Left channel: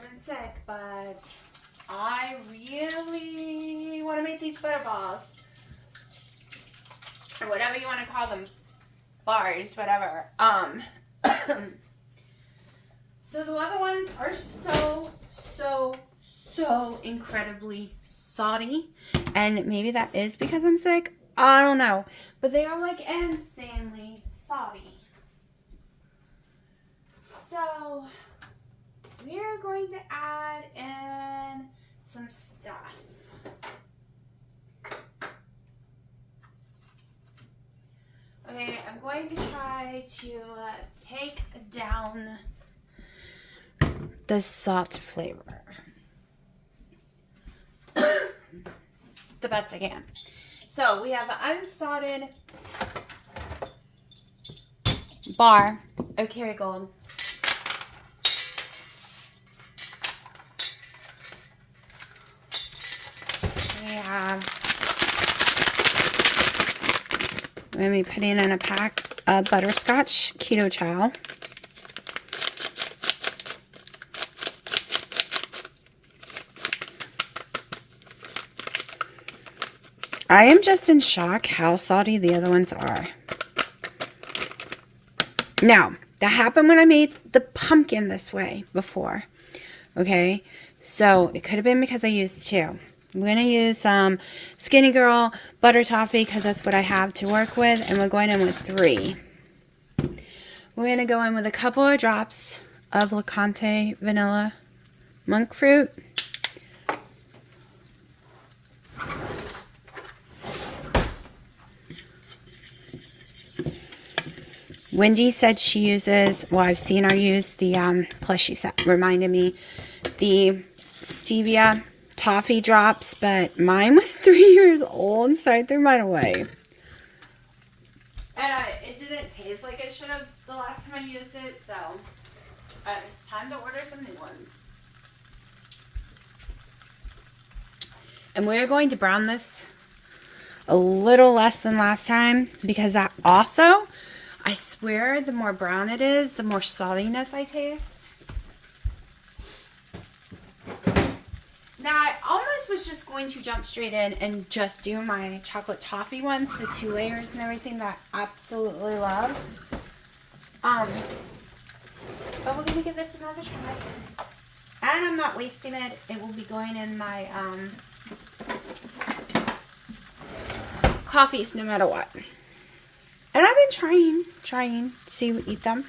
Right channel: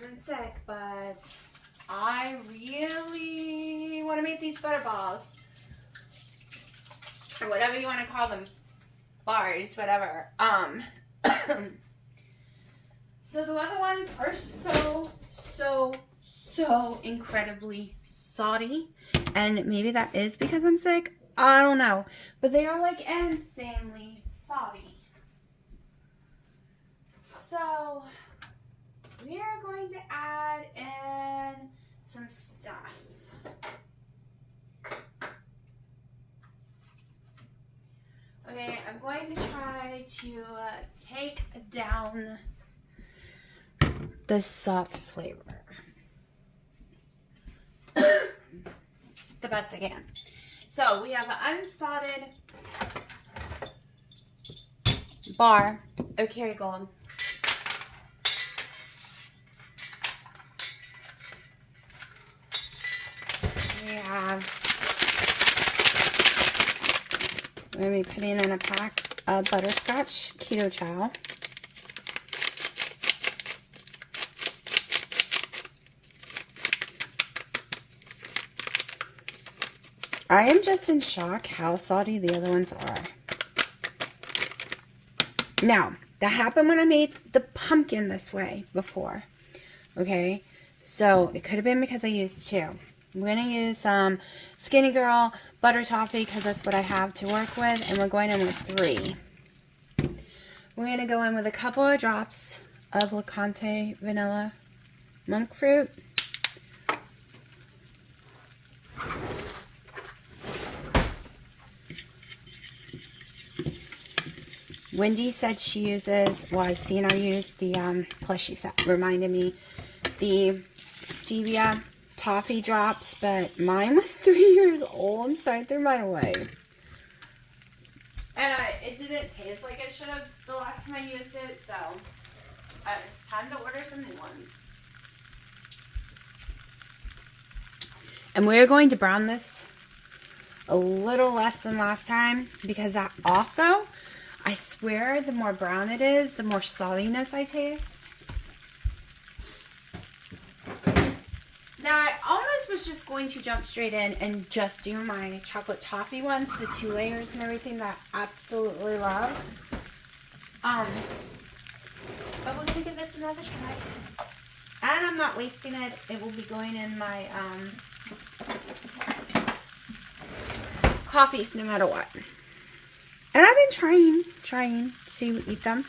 wasn't sick, but I really want to make these butter balls. Or whatever you want to call them. Bars, whatever. So the other ones are so incredibly salty. And maybe that is because I'm sick. I don't know. But they are like insanely salty. So we are going to add in some stuff. Okay, I'm going to try to take down the salt flavor the best I can. So we have an unsalted bar of Kerrygold. We have, we're going to be putting in a pack of butterscotch Keto Chow. I am just in shock how salty the other ones are. Now, that happened when I made the pumpkin this way before. Okay, so it could have been because I used 2. I'm going to use some Skinny Girl Butter Toffee because that's what I have to work with. And we're going in with 3. We're going to go in with a couple of drops of Licante Vanilla Monk Fruit. Wendy said she uses, well, I've seen her use the, plus she said, reminded me, the stevia toffee drops, but mine was 3 years old, so I threw mine away. And it didn't taste like it should have the last time I used it, so it's time to order some new ones. And we are going to brown this a little less than last time, because that also, I swear, the more brown it is, the more saltiness I taste. Now, I almost was just going to jump straight in and just do my chocolate toffee ones, the 2 layers and everything that I absolutely love. But we're going to give this another try. And I'm not wasting it. It will be going in my coffees no matter what. And I've been trying to eat them.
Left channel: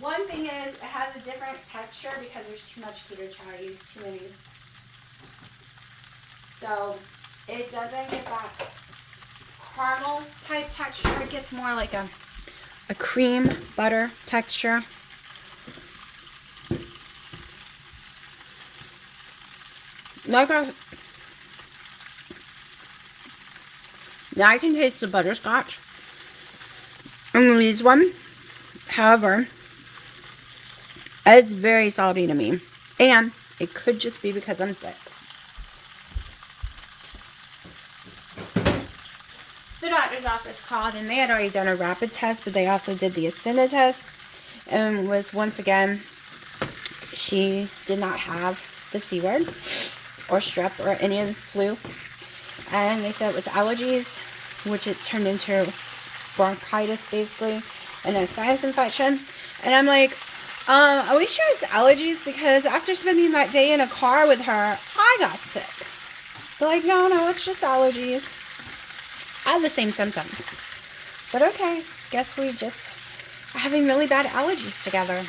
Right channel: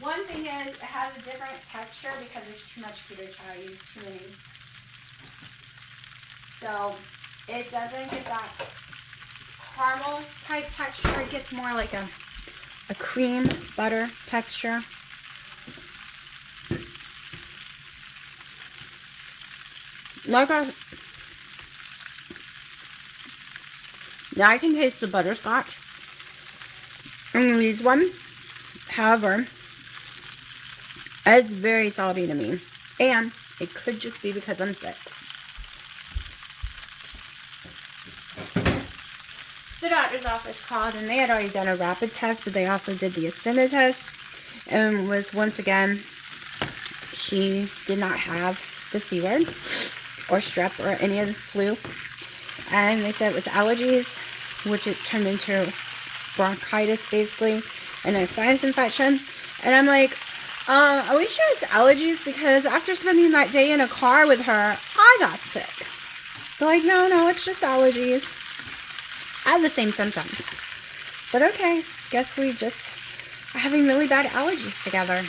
One thing is, it has a different texture because there's too much keto chow. I use too many. So, it doesn't get that caramel type texture. It gets more like a cream butter texture. Now I can taste the butterscotch in these one. However, it's very salty to me. And it could just be because I'm sick. The doctor's office called and they had already done a rapid test, but they also did the extended test. And was once again, she did not have the C word or strep or any of the flu. And they said it was allergies, which it turned into bronchitis basically, and a sinus infection. And I'm like, are we sure it's allergies? Because after spending that day in a car with her, I got sick. They're like, no, it's just allergies. I have the same symptoms. But okay, guess we just are having really bad allergies together.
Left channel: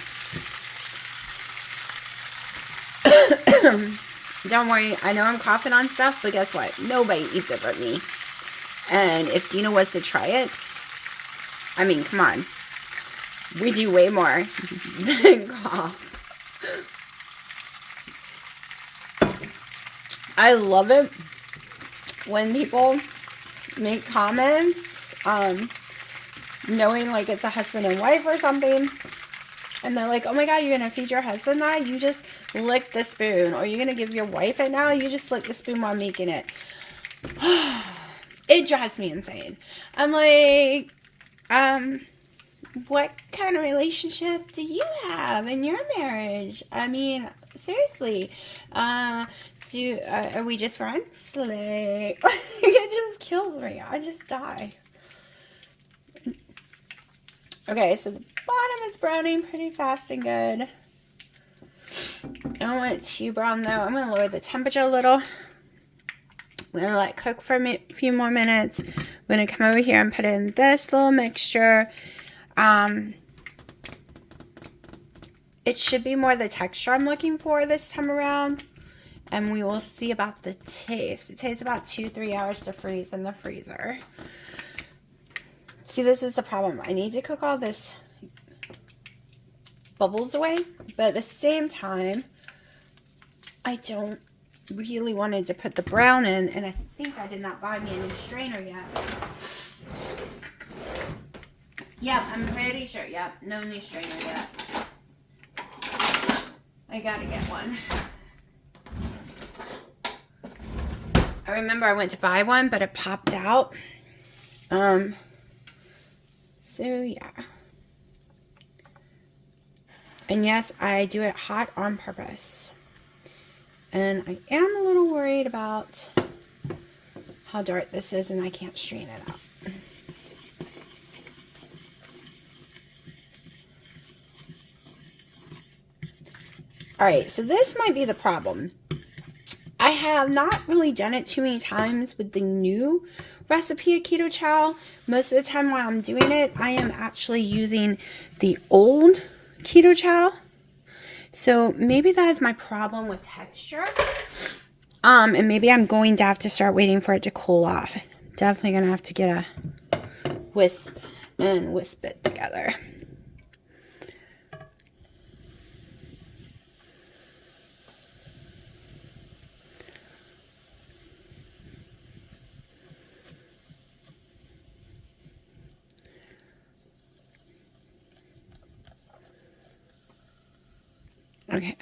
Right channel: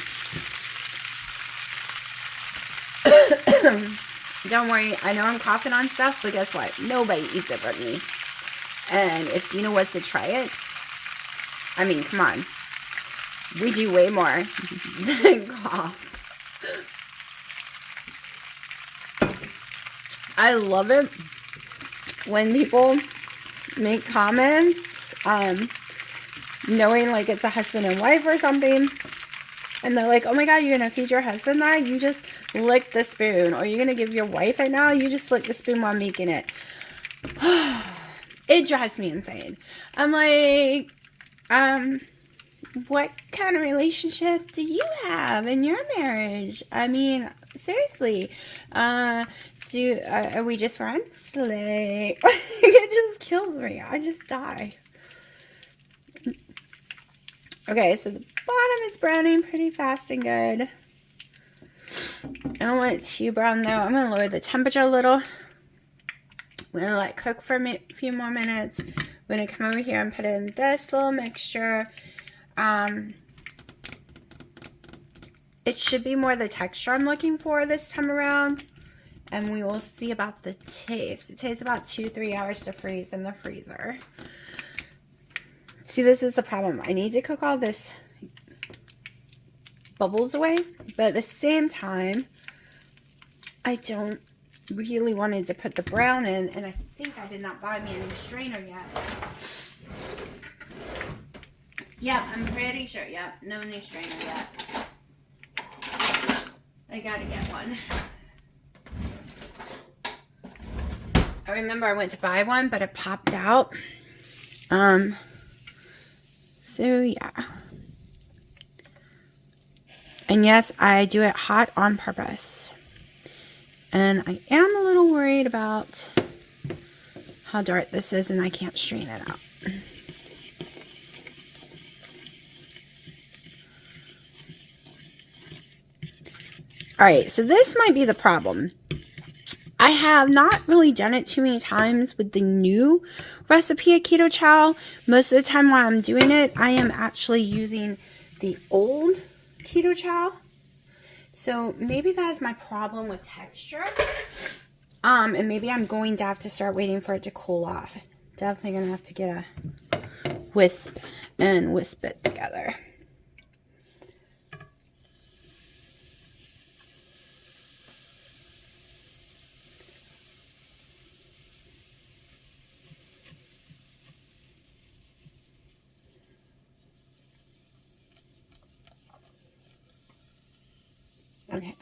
Don't worry, I know I'm coughing on stuff, but guess what? Nobody eats it but me. And if Dina was to try it, I mean, come on. We do way more than cough. I love it when people make comments, knowing like it's a husband and wife or something. And they're like, oh my God, you're going to feed your husband that? You just lick the spoon. Or you're going to give your wife it now? You just lick the spoon while making it. It drives me insane. I'm like, what kind of relationship do you have in your marriage? I mean, seriously, are we just friends? Like, it just kills me. I just die. Okay, so the bottom is browning pretty fast and good. I don't want it too brown though. I'm going to lower the temperature a little. I'm going to let it cook for a few more minutes. I'm going to come over here and put in this little mixture. It should be more the texture I'm looking for this time around. And we will see about the taste. It takes about 2-3 hours to freeze in the freezer. See, this is the problem. I need to cook all this bubbles away. But at the same time, I don't really wanted to put the brown in. And I think I did not buy me a new strainer yet. Yep, I'm pretty sure. Yep, no new strainer yet. I gotta get one. I remember I went to buy one, but it popped out. So yeah. And yes, I do it hot on purpose. And I am a little worried about how dark this is and I can't strain it out. Alright, so this might be the problem. I have not really done it too many times with the new recipe of Keto Chow. Most of the time while I'm doing it, I am actually using the old Keto Chow. So maybe that is my problem with texture. And maybe I'm going to have to start waiting for it to cool off. Definitely going to have to get a whisk and whisk it together. Okay.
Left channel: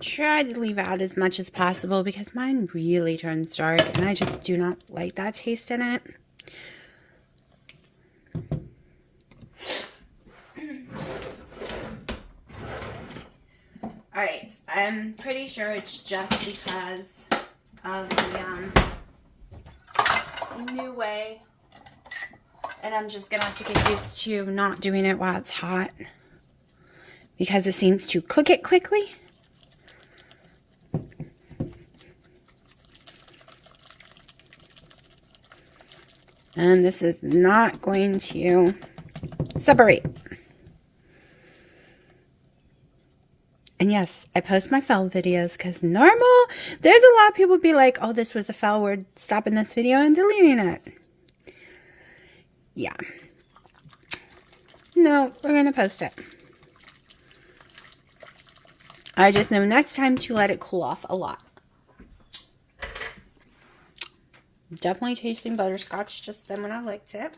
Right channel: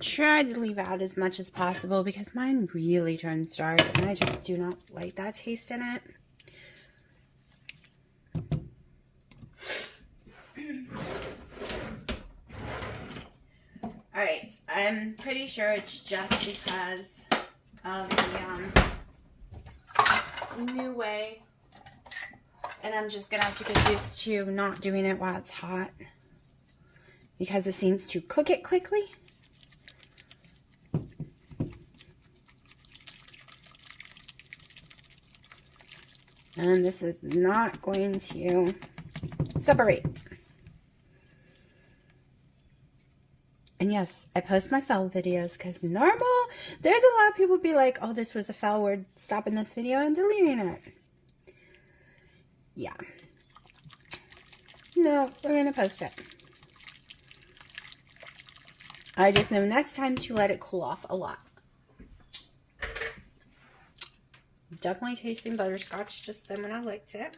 Try to leave out as much as possible because mine really turns dark and I just do not like that taste in it. Alright, I'm pretty sure it's just because of the new way. And I'm just going to have to get used to not doing it while it's hot. Because it seems to cook it quickly. And this is not going to separate. And yes, I post my fail videos because normal, there's a lot of people be like, oh, this was a fail, we're stopping this video and deleting it. Yeah. No, we're going to post it. I just know next time to let it cool off a lot. Definitely tasting butterscotch just then when I liked it.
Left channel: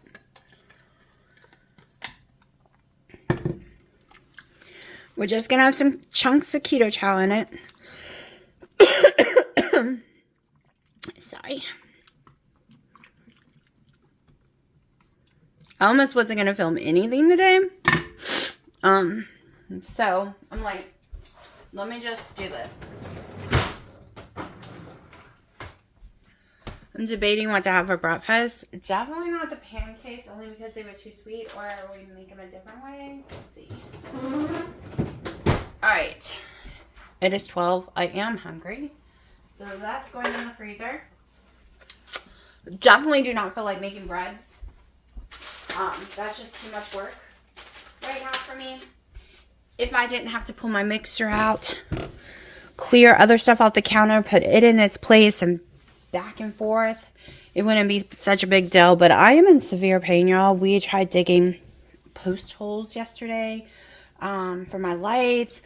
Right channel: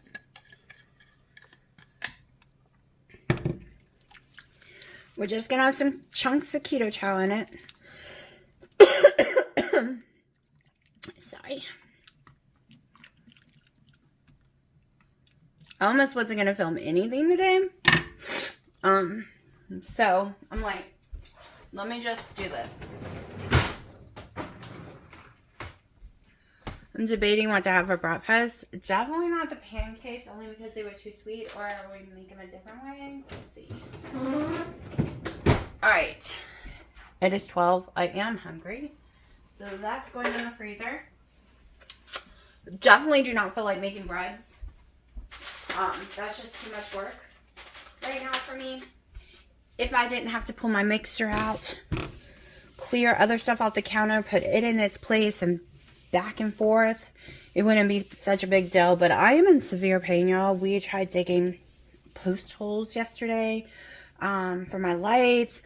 We're just going to have some chunks of Keto Chow in it. Sorry. I almost wasn't going to film anything today. So I'm like, let me just do this. I'm debating what to have for breakfast. Definitely not the pancakes, only because they were too sweet, or we make them a different way. Let's see. Alright. It is 12. I am hungry. So that's going in the freezer. Definitely do not feel like making breads. That's just too much work right now for me. If I didn't have to pull my mixer out, clear other stuff off the counter, put it in its place, and back and forth, it wouldn't be such a big deal. But I am in severe pain, y'all. We tried digging post holes yesterday for my lights.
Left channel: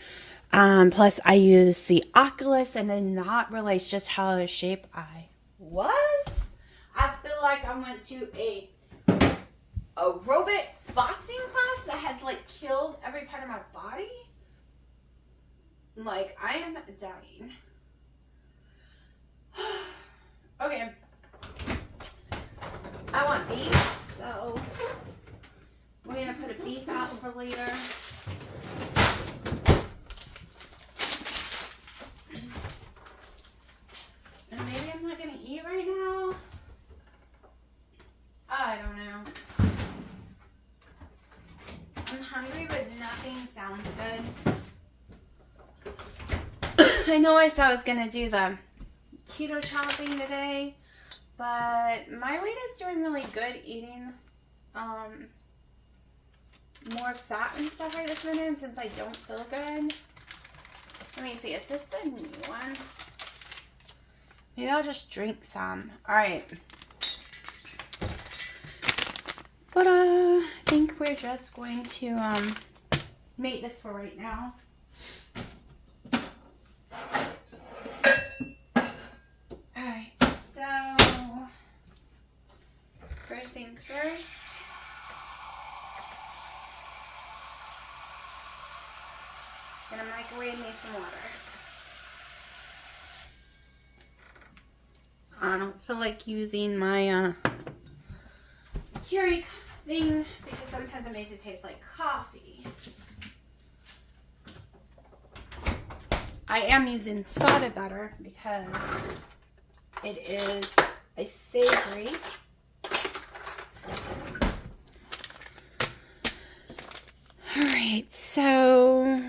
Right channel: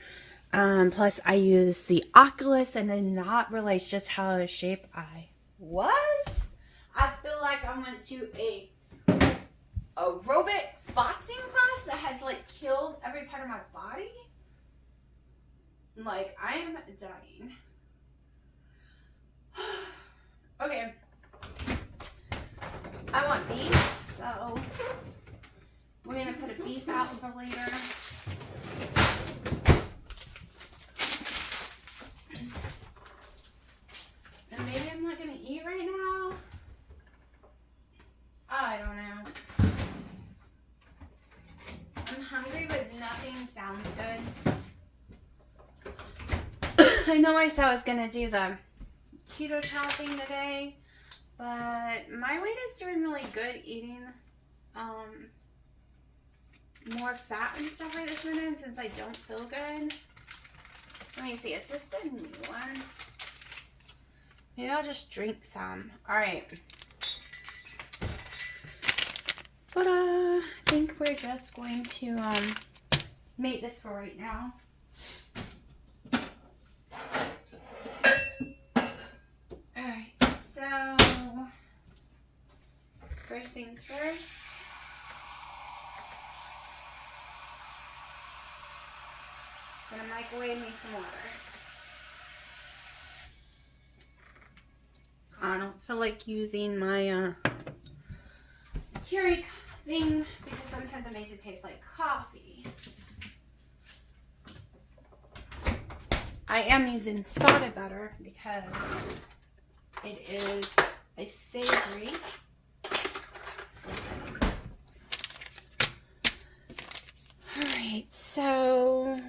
Plus, I used the Oculus and did not realize just how out of shape I was. I feel like I went to a aerobics boxing class that has like killed every part of my body. Like, I am dying. Okay. I want beef, so for later. And maybe I'm not going to eat right now. I don't know. I'm hungry, but nothing sounds good. I know I said I was going to do the keto shopping today, but my weight is doing really good eating more fat and stuff right this minute since I don't feel good. Let me see, is this the new one? Maybe I'll just drink some. Alright. But I think we're just going to make this for right now. Alright, so first things first. I'm gonna microwave me some water. I don't feel like using my Keurig thing because sometimes it makes it taste like coffee. I am using salted butter because it is a savory. Alright, so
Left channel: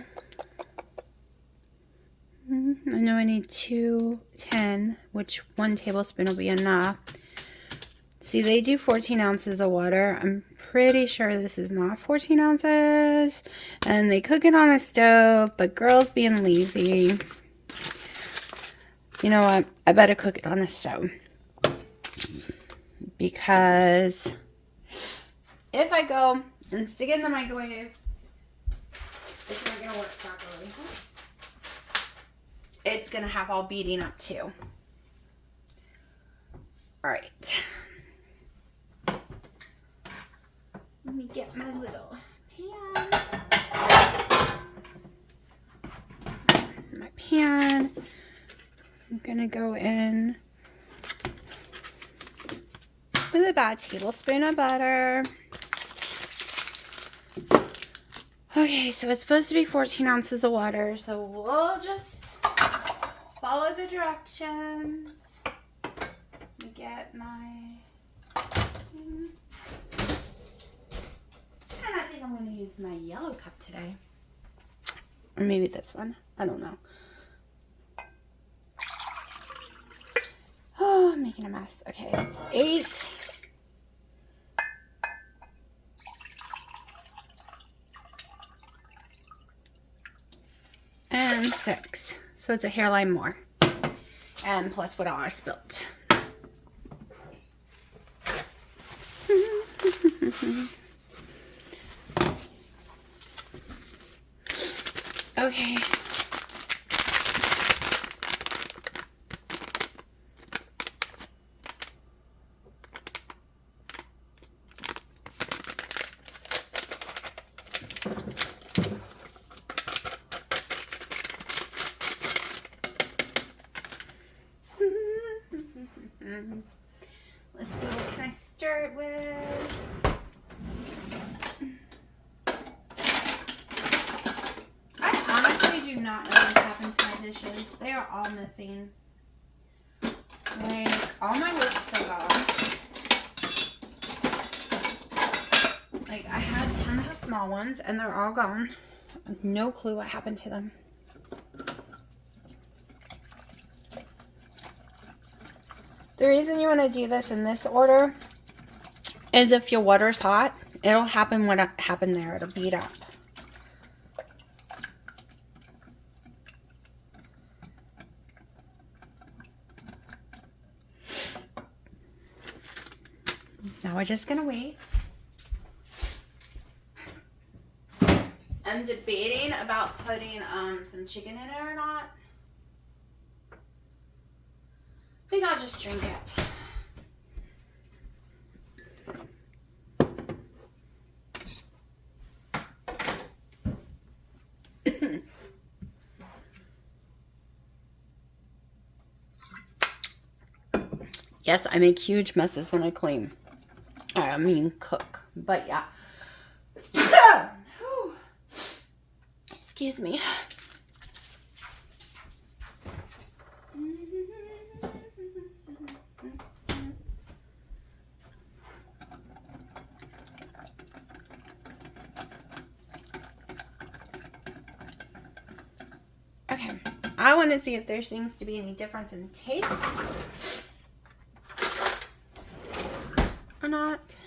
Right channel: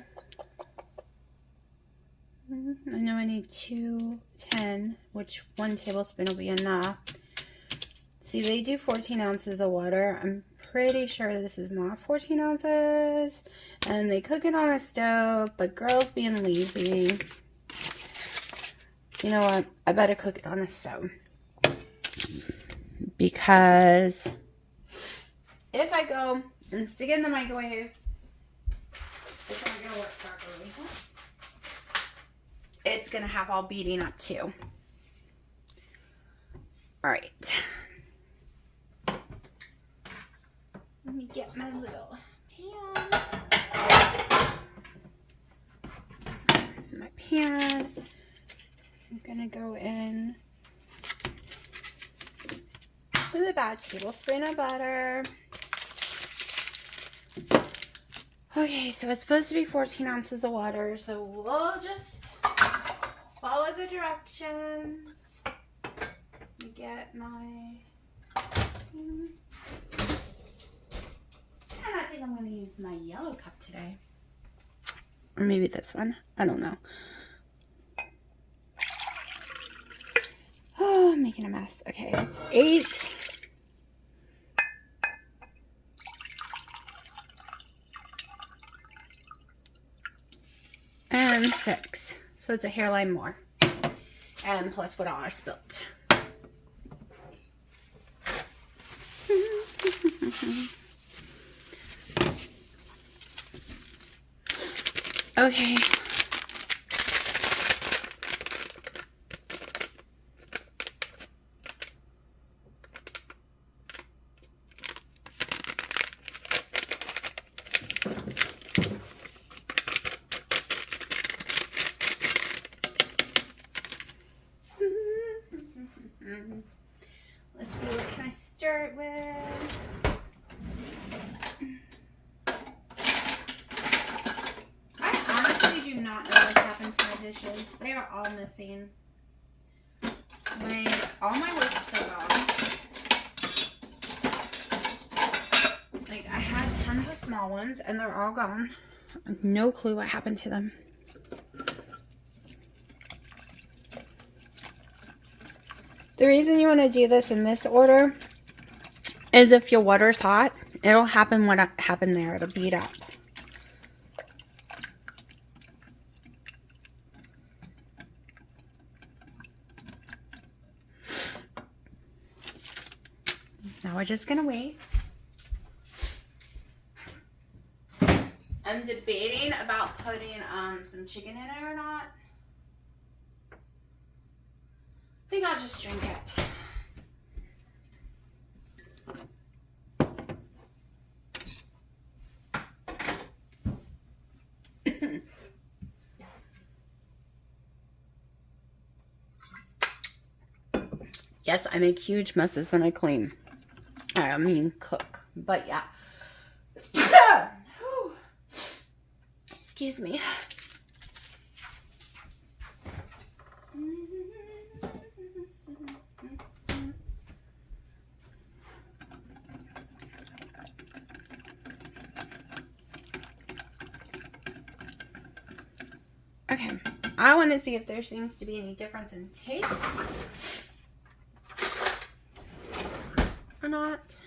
I know I need 210, which 1 tablespoon will be enough. See, they do 14 ounces of water. I'm pretty sure this is not 14 ounces. And they cook it on the stove, but girls being lazy. You know what? I better cook it on the stove. Because if I go and stick it in the microwave, it's not going to work properly. It's going to have all beating up too. Alright. Let me get my little pan. My pan. I'm going to go in with about a tablespoon of butter. Okay, so it's supposed to be 14 ounces of water, so we'll just follow the directions. Let me get my... And I think I'm going to use my yellow cup today. Or maybe this one. I don't know. Oh, I'm making a mess. Okay, that's 8. And 6. So it's a hairline more. And plus what I spilt. Okay. Let's see, what can I stir it with? I honestly do not know what happened to my dishes. They are all missing. Like, all my whisks are gone. Like, I had tons of small ones, and they're all gone. I have no clue what happened to them. The reason you want to do this in this order is if your water's hot, it'll happen what happened there. It'll beat up. Now we're just going to wait. I'm debating about putting some chicken in it or not. I think I'll just drink it. Yes, I make huge messes when I clean. I mean cook. But yeah. Excuse me. Okay, I want to see if there seems to be any difference in taste or not.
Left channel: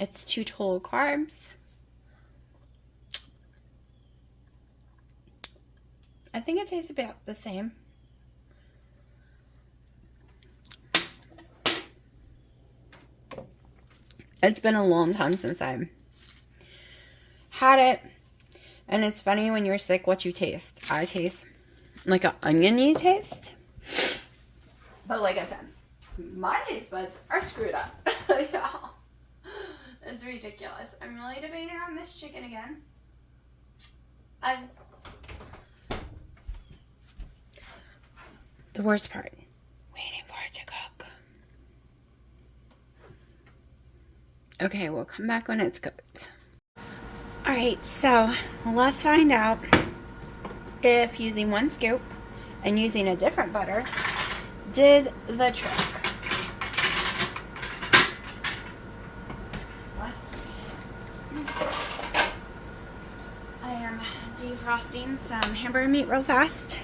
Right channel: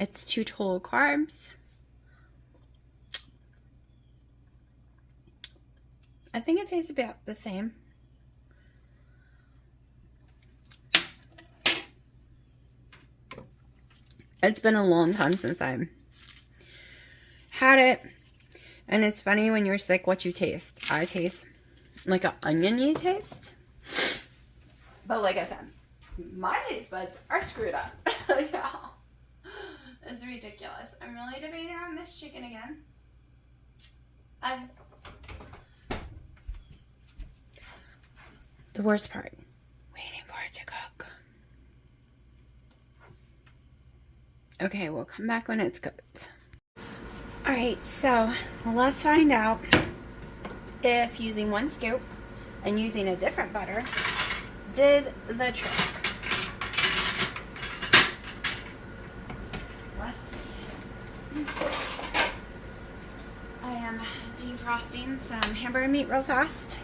It's 2 total carbs. I think it tastes about the same. It's been a long time since I had it. And it's funny when you're sick what you taste. I taste like an oniony taste. But like I said, my taste buds are screwed up. Y'all. It's ridiculous. I'm really debating on this chicken again. The worst part, waiting for it to cook. Okay, we'll come back when it's cooked. Alright, so let's find out if using 1 scoop and using a different butter did the trick. Let's see. I am defrosting some hamburger meat real fast.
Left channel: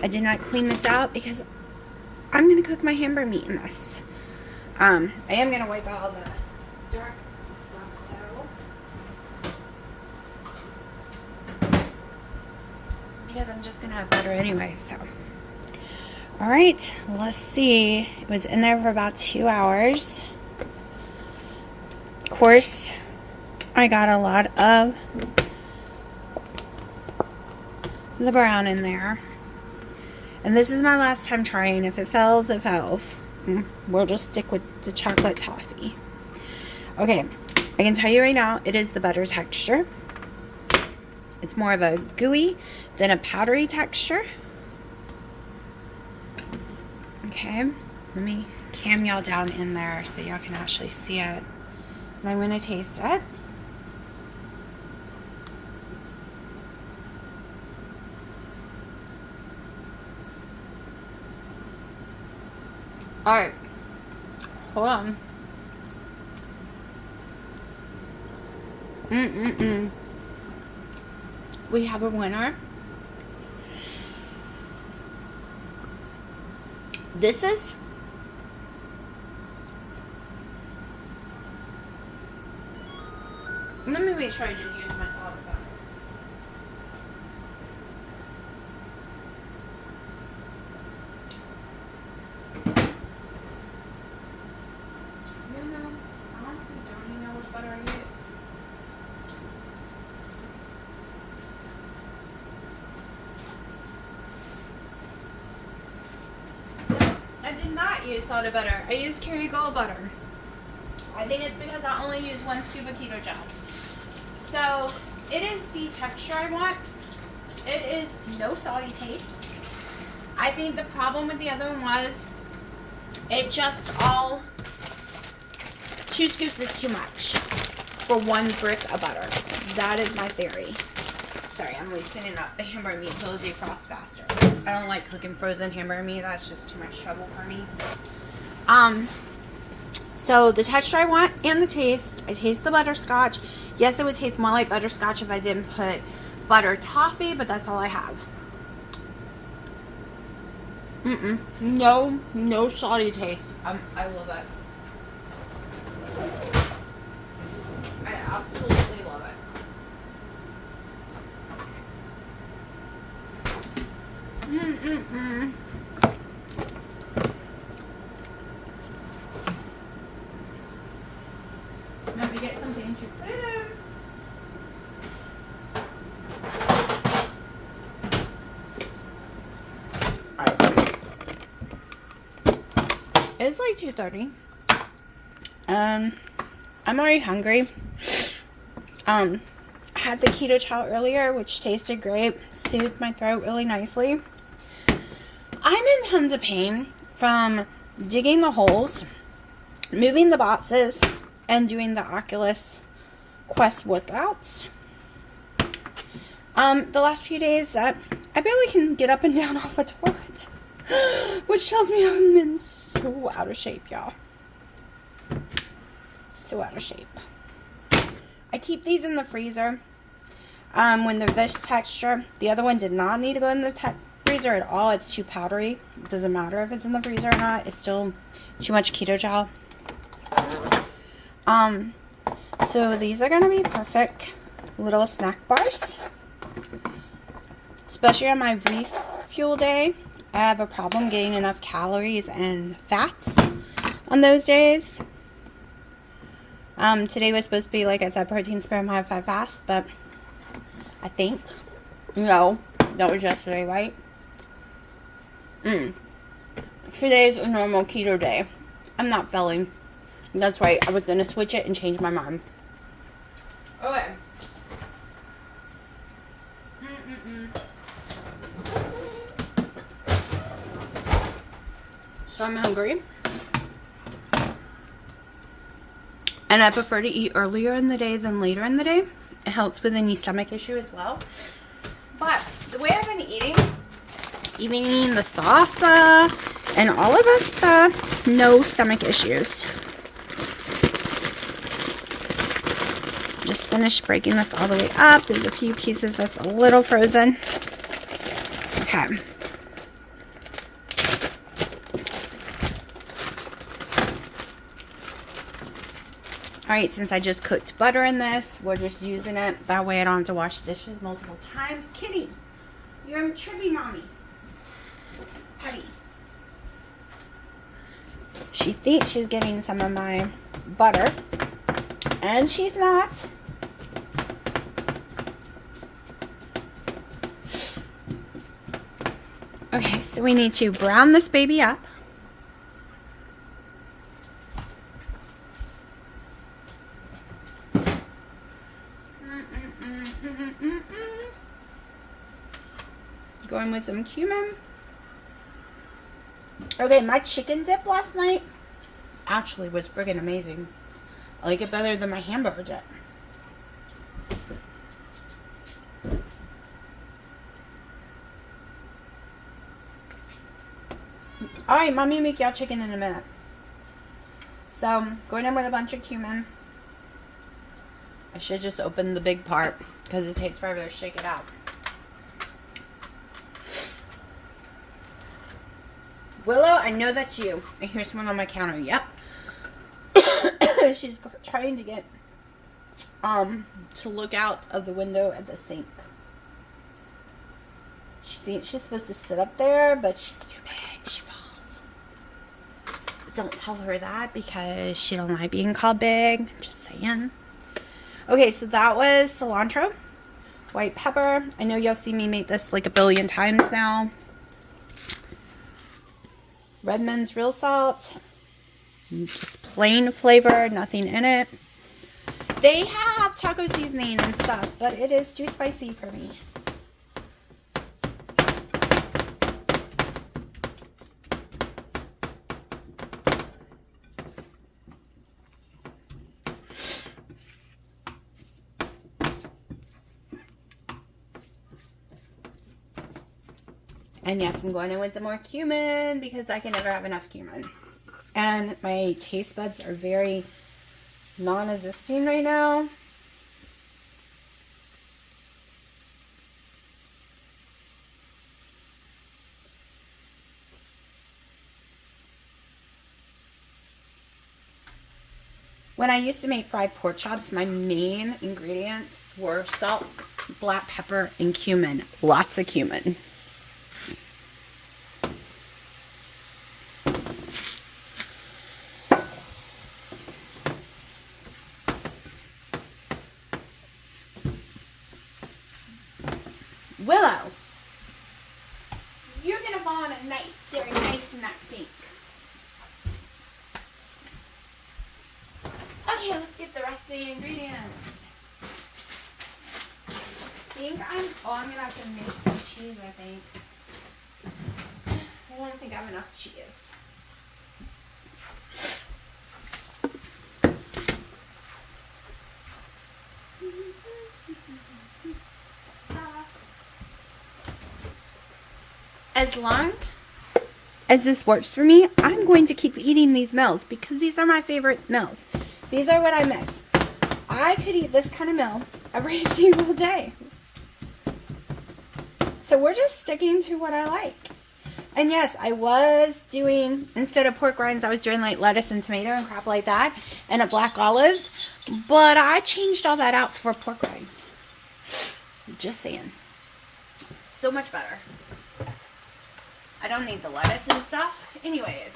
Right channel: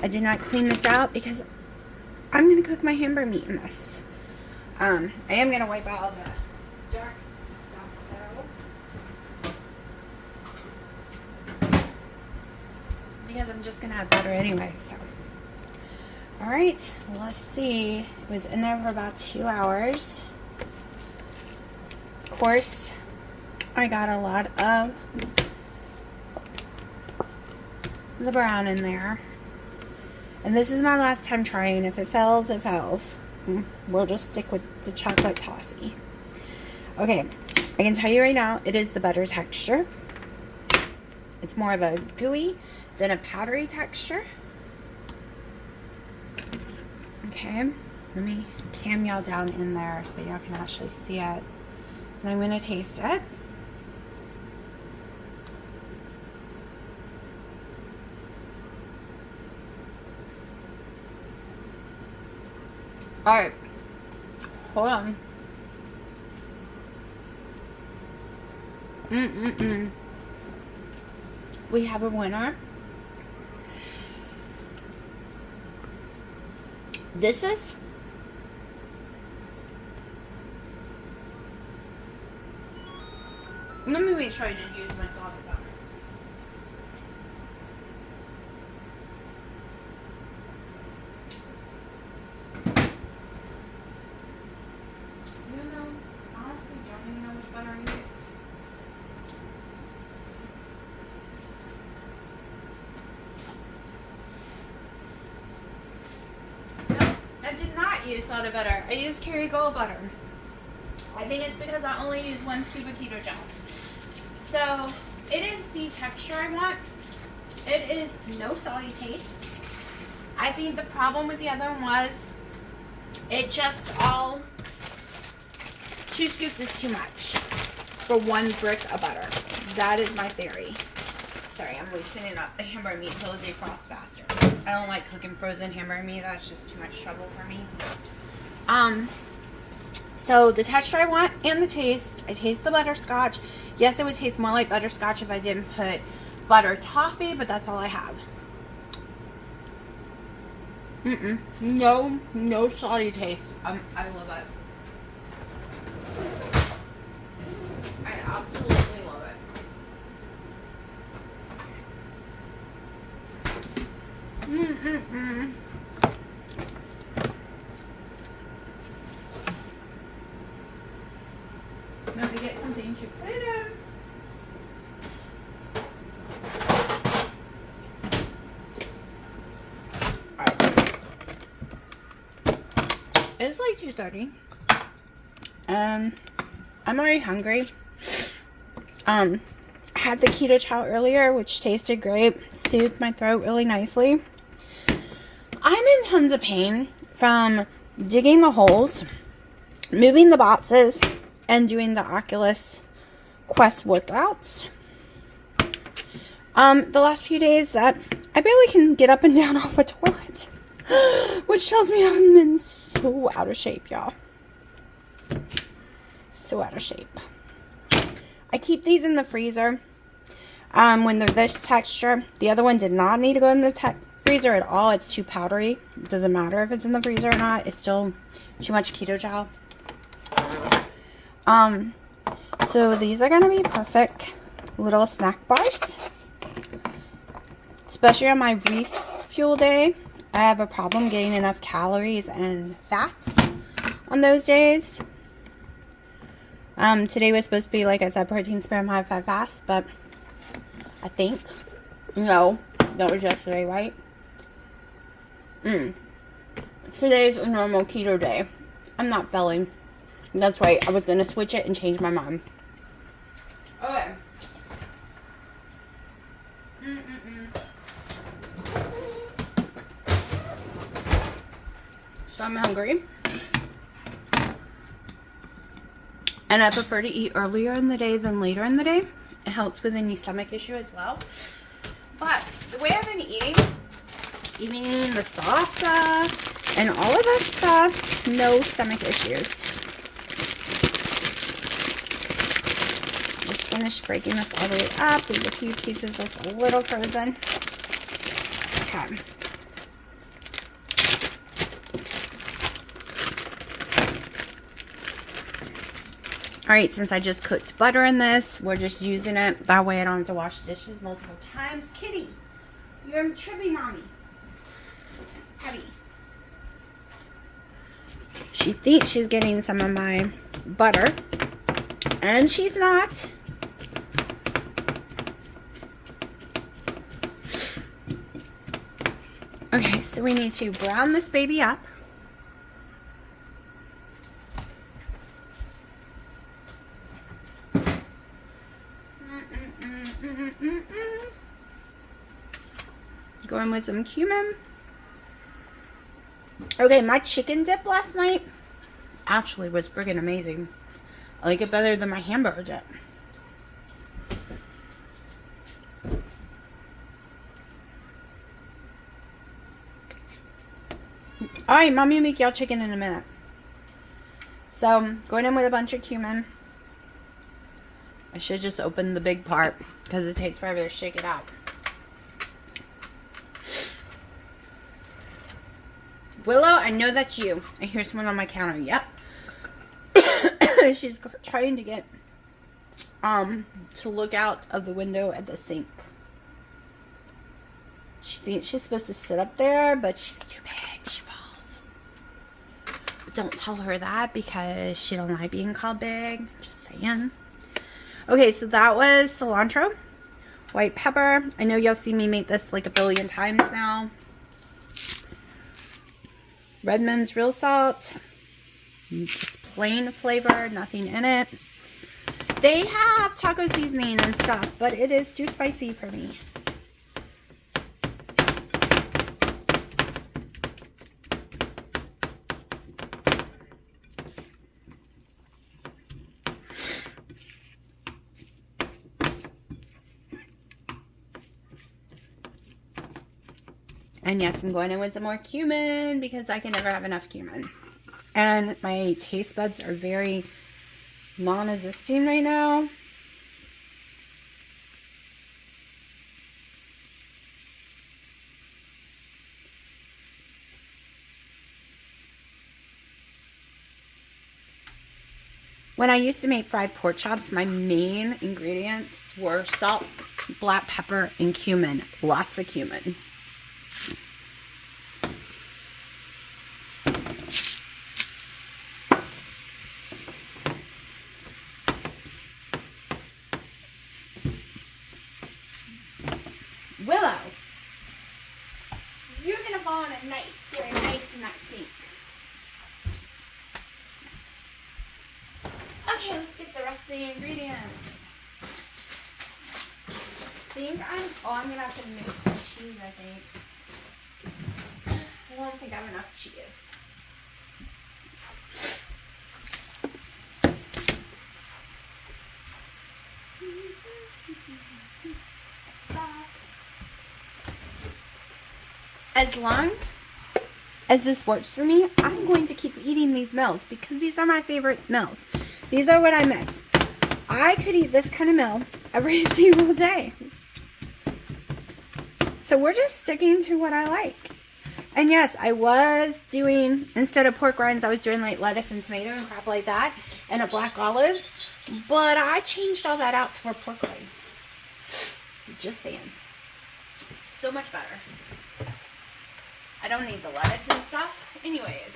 I did not clean this out because I'm going to cook my hamburger meat in this. I am going to wipe out all the dark stuff though, because I'm just going to have butter anyway. So, alright, let's see. It was in there for about 2 hours. Of course, I got a lot of the brown in there. And this is my last time trying. If it fails, it fails. We'll just stick with the chocolate toffee. Okay, I can tell you right now, it is the butter texture. It's more of a gooey than a powdery texture. Okay, let me cam y'all down in there so y'all can actually see it. And I'm going to taste it. Alright, hold on. We have a winner. This is let me make sure I didn't use my salted butter. Honestly, don't even know which butter I use. I did not use salted butter. I used Kerrygold butter. I think it's because I only use 1 scoop of keto gel. So, it is the texture I want. It is no salty taste. I think the problem with the other one was it just all 2 scoops is too much for 1 brick of butter. That is my theory. Sorry, I'm loosening up the hamburger meat so it'll defrost faster. I don't like cooking frozen hamburger meat. That's just too much trouble for me. So the texture I want and the taste. I taste the butterscotch. Yes, it would taste more like butterscotch if I didn't put butter toffee, but that's all I have. No salty taste. I love it. I absolutely love it. Let me get something to put it in. It's like 2:30. I'm already hungry. I had the keto chow earlier, which tasted great, soothed my throat really nicely. I'm in tons of pain from digging the holes, moving the boxes, and doing the Oculus Quest workouts. The last few days that I barely can get up and down off a toilet. Which tells me I'm in so out of shape, y'all. So out of shape. I keep these in the freezer when they're this texture. The other one did not need to go in the freezer at all. It's too powdery. It doesn't matter if it's in the freezer or not. It's still too much keto gel. So these are going to be perfect little snack bars. Especially on my refuel day. I have a problem getting enough calories and fats on those days. Today was supposed to be, like I said, protein spam high fat fast, but I think, no, that was yesterday, right? Today's a normal keto day. I'm not failing. That's right, I was going to switch it and change my mind. Okay. So I'm hungry. And I prefer to eat earlier in the day than later in the day. It helps with any stomach issue as well. But the way I've been eating, even eating the salsa and all of that stuff, no stomach issues. Just finished breaking this all the way up. There's a few pieces that's a little frozen. Okay. Alright, since I just cooked butter in this, we're just using it. That way I don't have to wash dishes multiple times. Kitty, you're a trippy mommy. Petty. She thinks she's getting some of my butter, and she's not. Okay, so we need to brown this baby up. Going with some cumin. Okay, my chicken dip last night actually was friggin' amazing. I like it better than my hamburger dip. Alright, mommy will make y'all chicken in a minute. So, going in with a bunch of cumin. I should just open the big part because it takes forever to shake it out. Willow, I know that's you. I hear someone on my counter. Yep. She's trying to get to look out of the window at the sink. She thinks she's supposed to sit up there, but she's too big. She falls. But don't tell her that because she don't like being called big. Just saying. Okay, so that was cilantro, white pepper. I know y'all see me make this like a billion times now. Redmond's real salt. Just plain flavor, nothing in it. They have taco seasoning and stuff, but it is too spicy for me. And yes, I'm going in with some more cumin because I can never have enough cumin. And my taste buds are very non-existing right now. When I used to make fried pork chops, my main ingredients were salt, black pepper, and cumin. Lots of cumin. Willow, you're going to fall on a knife. There are knives in that sink. Okay, let's get the rest of the ingredients. I'm going to have to make some cheese, I think. I don't think I have enough cheese. as long as this works for me, I'm going to keep eating these meals because these are my favorite meals. These are what I miss. I could eat this kind of meal every single day. So we're just sticking to what I like. And yes, I was doing, instead of pork rinds, I was doing like lettuce and tomato and crap like that, and a black olives. But I changed all that out for pork rinds. Just saying. So much better. I don't need the lettuce and stuff. Anyways.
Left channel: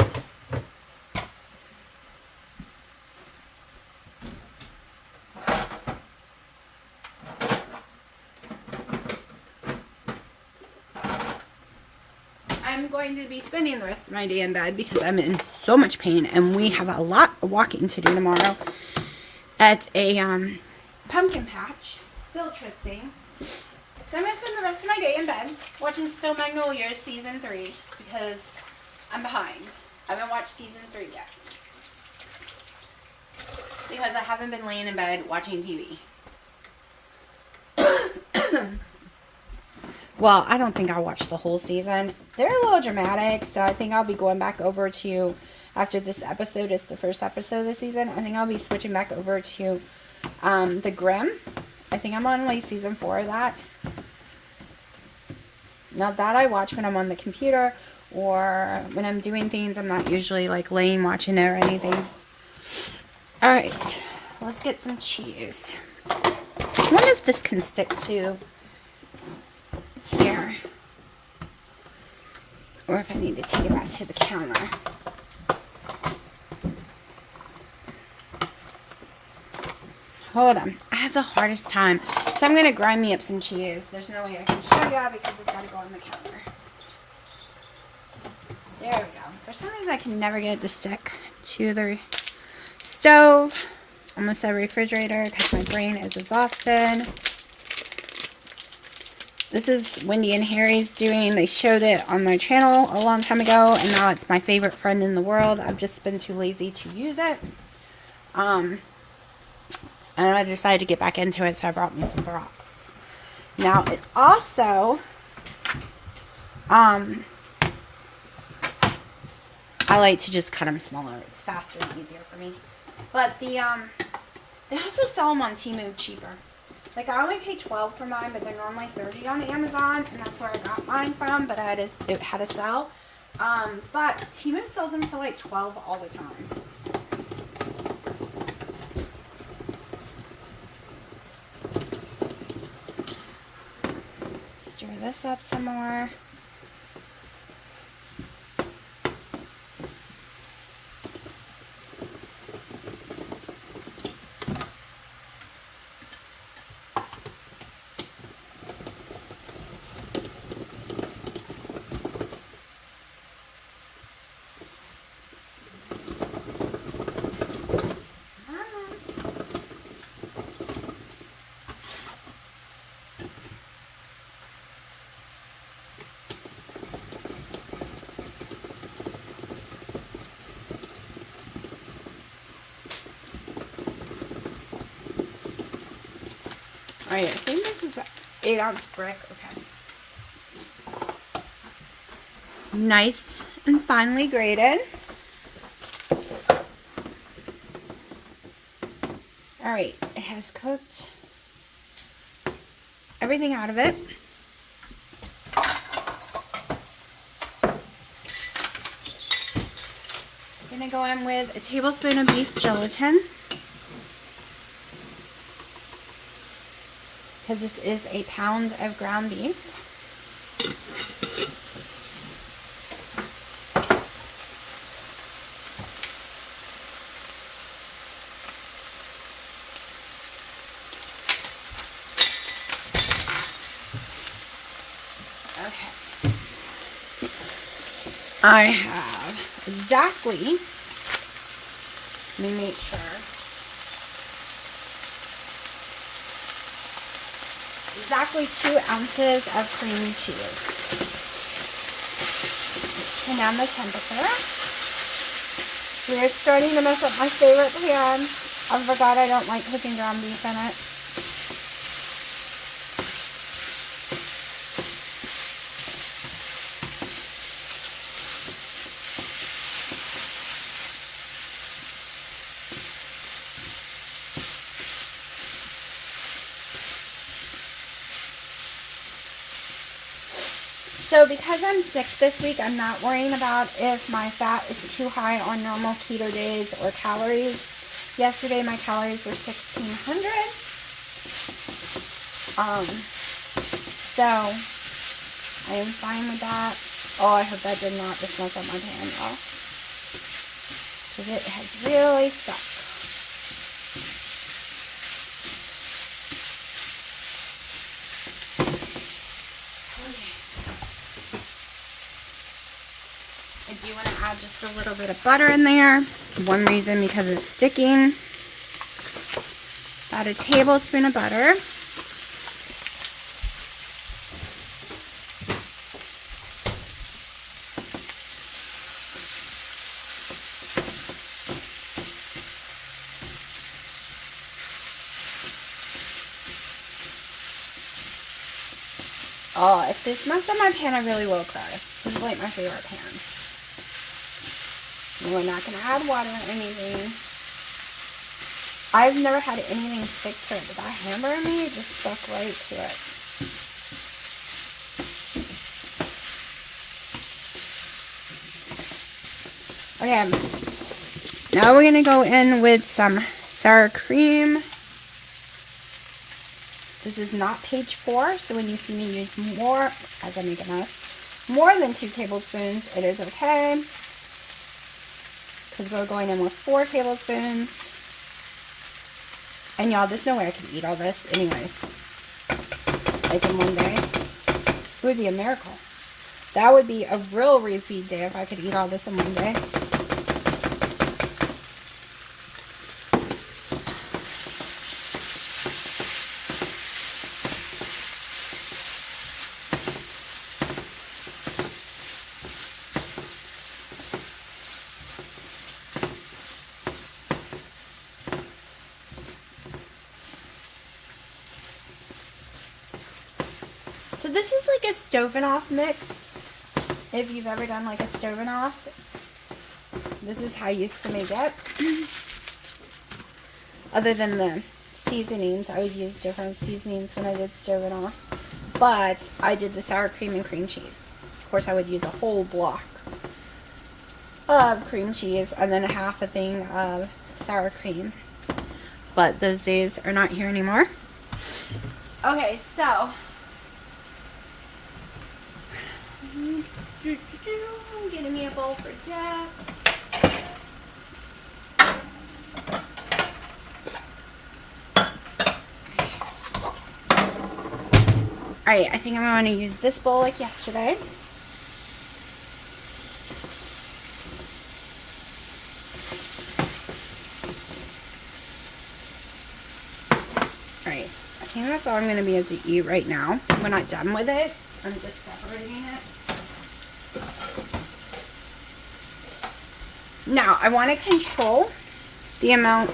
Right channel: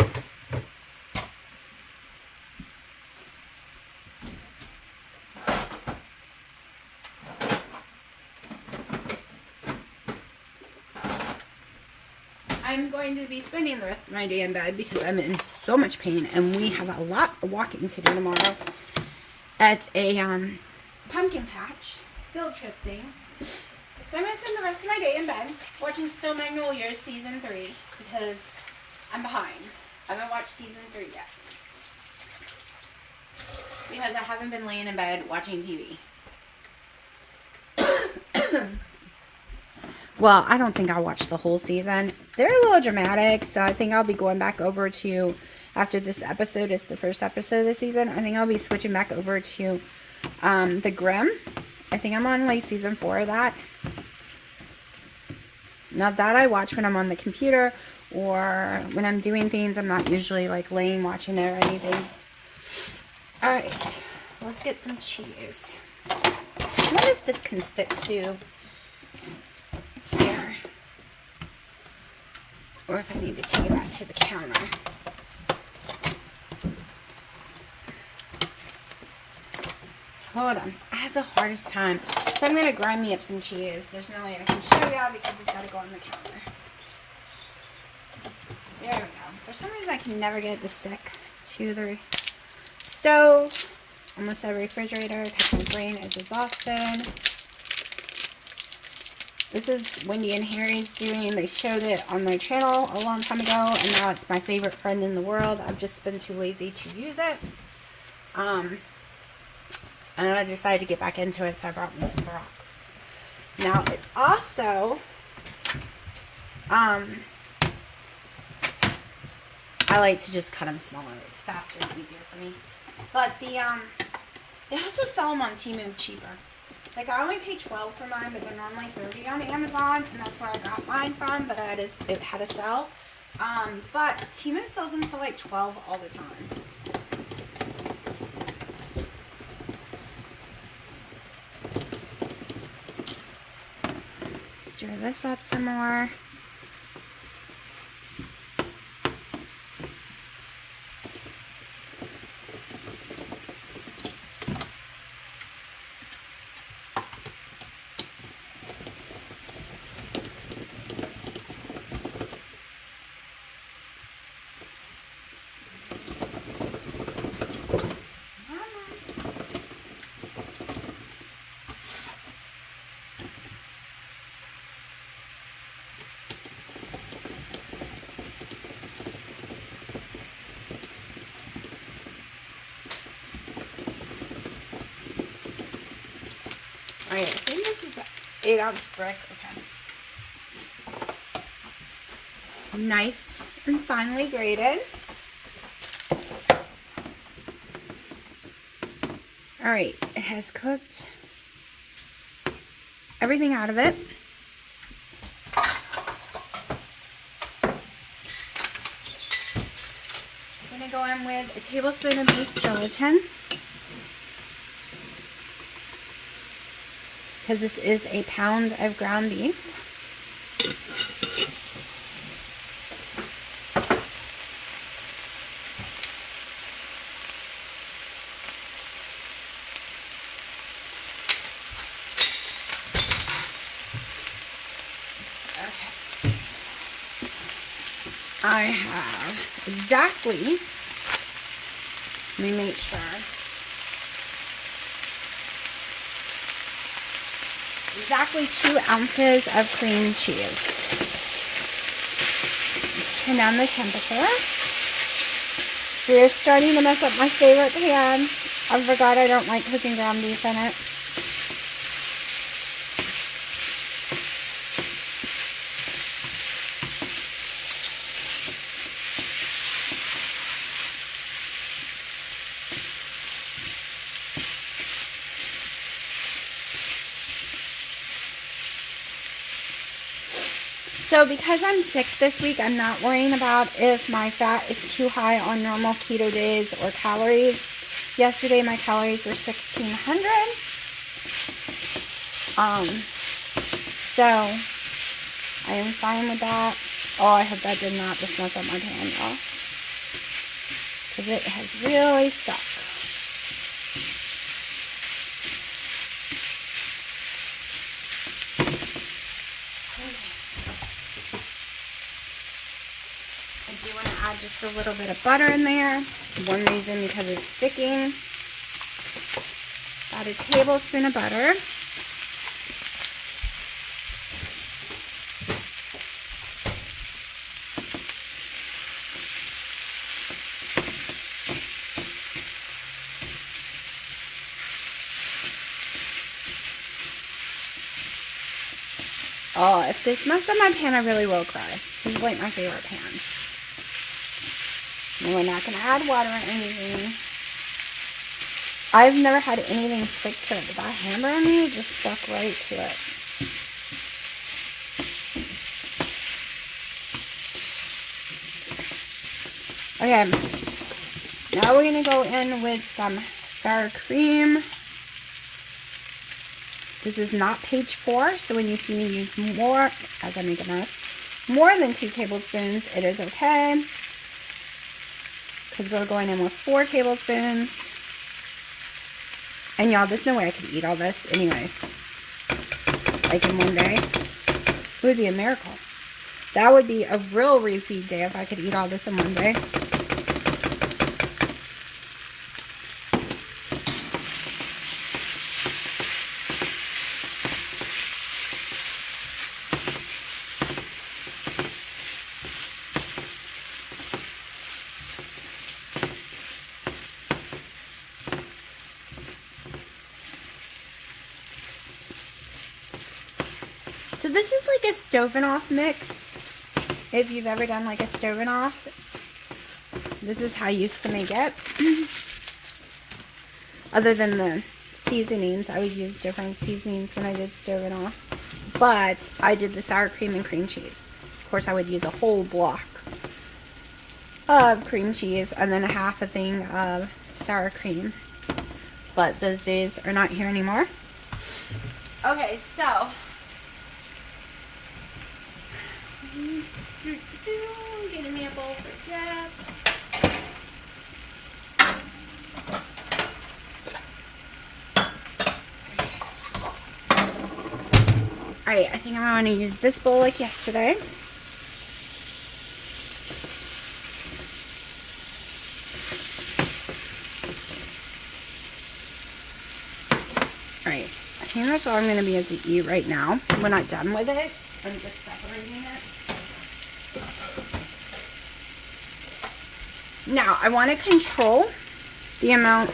I'm going to be spending the rest of my day in bed because I'm in so much pain, and we have a lot of walking to do tomorrow at a pumpkin patch field trip thing. So I'm going to spend the rest of my day in bed watching Stone Magnolias Season 3 because I'm behind. I haven't watched Season 3 yet because I haven't been laying in bed watching TV. Well, I don't think I'll watch the whole season. They're a little dramatic, so I think I'll be going back over to, after this episode is the first episode of the season, I think I'll be switching back over to The Grimm. I think I'm on like season 4 of that. Now that I watch when I'm on the computer or when I'm doing things. I'm not usually like laying watching it or anything. Alright, let's get some cheese. I wonder if this can stick to here, or if I need to take it back to the counter. Hold on, I have the hardest time, so I'm going to grind me up some cheese. There's no way I can show you because it's got to go on the counter. There we go. For some reason I can never get it to stick to the stove, almost a refrigerator, because my brain is exhausted. This is Wendy and Harry's doing. They showed it on their channel a long time ago, and now it's my favorite friend in the world. I've just been too lazy to use it. And I decided to get back into it, so I brought me some rocks. Now, it also, I like to just cut them smaller. It's faster and easier for me. But the, they also sell them on Temu cheaper. Like, I only paid $12 for mine, but they're normally $30 on Amazon, and that's where I got mine from, but it had a sell. But Temu sells them for like $12 all the time. Stir this up some more. Alright, I think this is an 8-ounce brick. Okay. Nice and finely grated. Alright, it has cooked everything out of it. I'm going to go in with a tablespoon of beef gelatin, because this is a pound of ground beef. Okay. I have exactly, let me make sure, exactly 2 ounces of cream cheese. Let's turn down the temperature. We are starting to mess up my favorite pan. I forgot I don't like cooking ground beef in it. So because I'm sick this week, I'm not worrying about if my fat is too high on normal keto days or calories. Yesterday my calories were 1,600. So I am fine with that. Oh, I hope that did not just mess up my pan, y'all. Because it has really stuck. I do want to add just a little bit of butter in there. One reason, because it's sticking. Add a tablespoon of butter. Oh, if this messed up my pan, I really will cry. This is like my favorite pan. And we're not going to add water or anything. I've never had anything stick to it, but that hamburger meat just stuck right to it. Okay, now we're going to go in with some sour cream. This is not page 4, so when you see me use more, as I make a mess, more than 2 tablespoons, it is okay. Because we're going in with 4 tablespoons. And y'all, there's no way I could eat all this anyways. Like in one day. It would be a miracle. That would be a real refeed day if I could eat all this in one day. So this is like a stroganoff mix. If you've ever done like a stroganoff, this is how I used to make it. Other than the seasonings, I would use different seasonings when I did stroganoff. But I did the sour cream and cream cheese. Of course, I would use a whole block of cream cheese and then half a thing of sour cream. But those days are not here anymore. Okay, so getting me a bowl for dip. Alright, I think I'm going to use this bowl like yesterday. Alright, I think that's all I'm going to be able to eat right now. We're not done with it. I'm just separating it. Now, I want to control the amount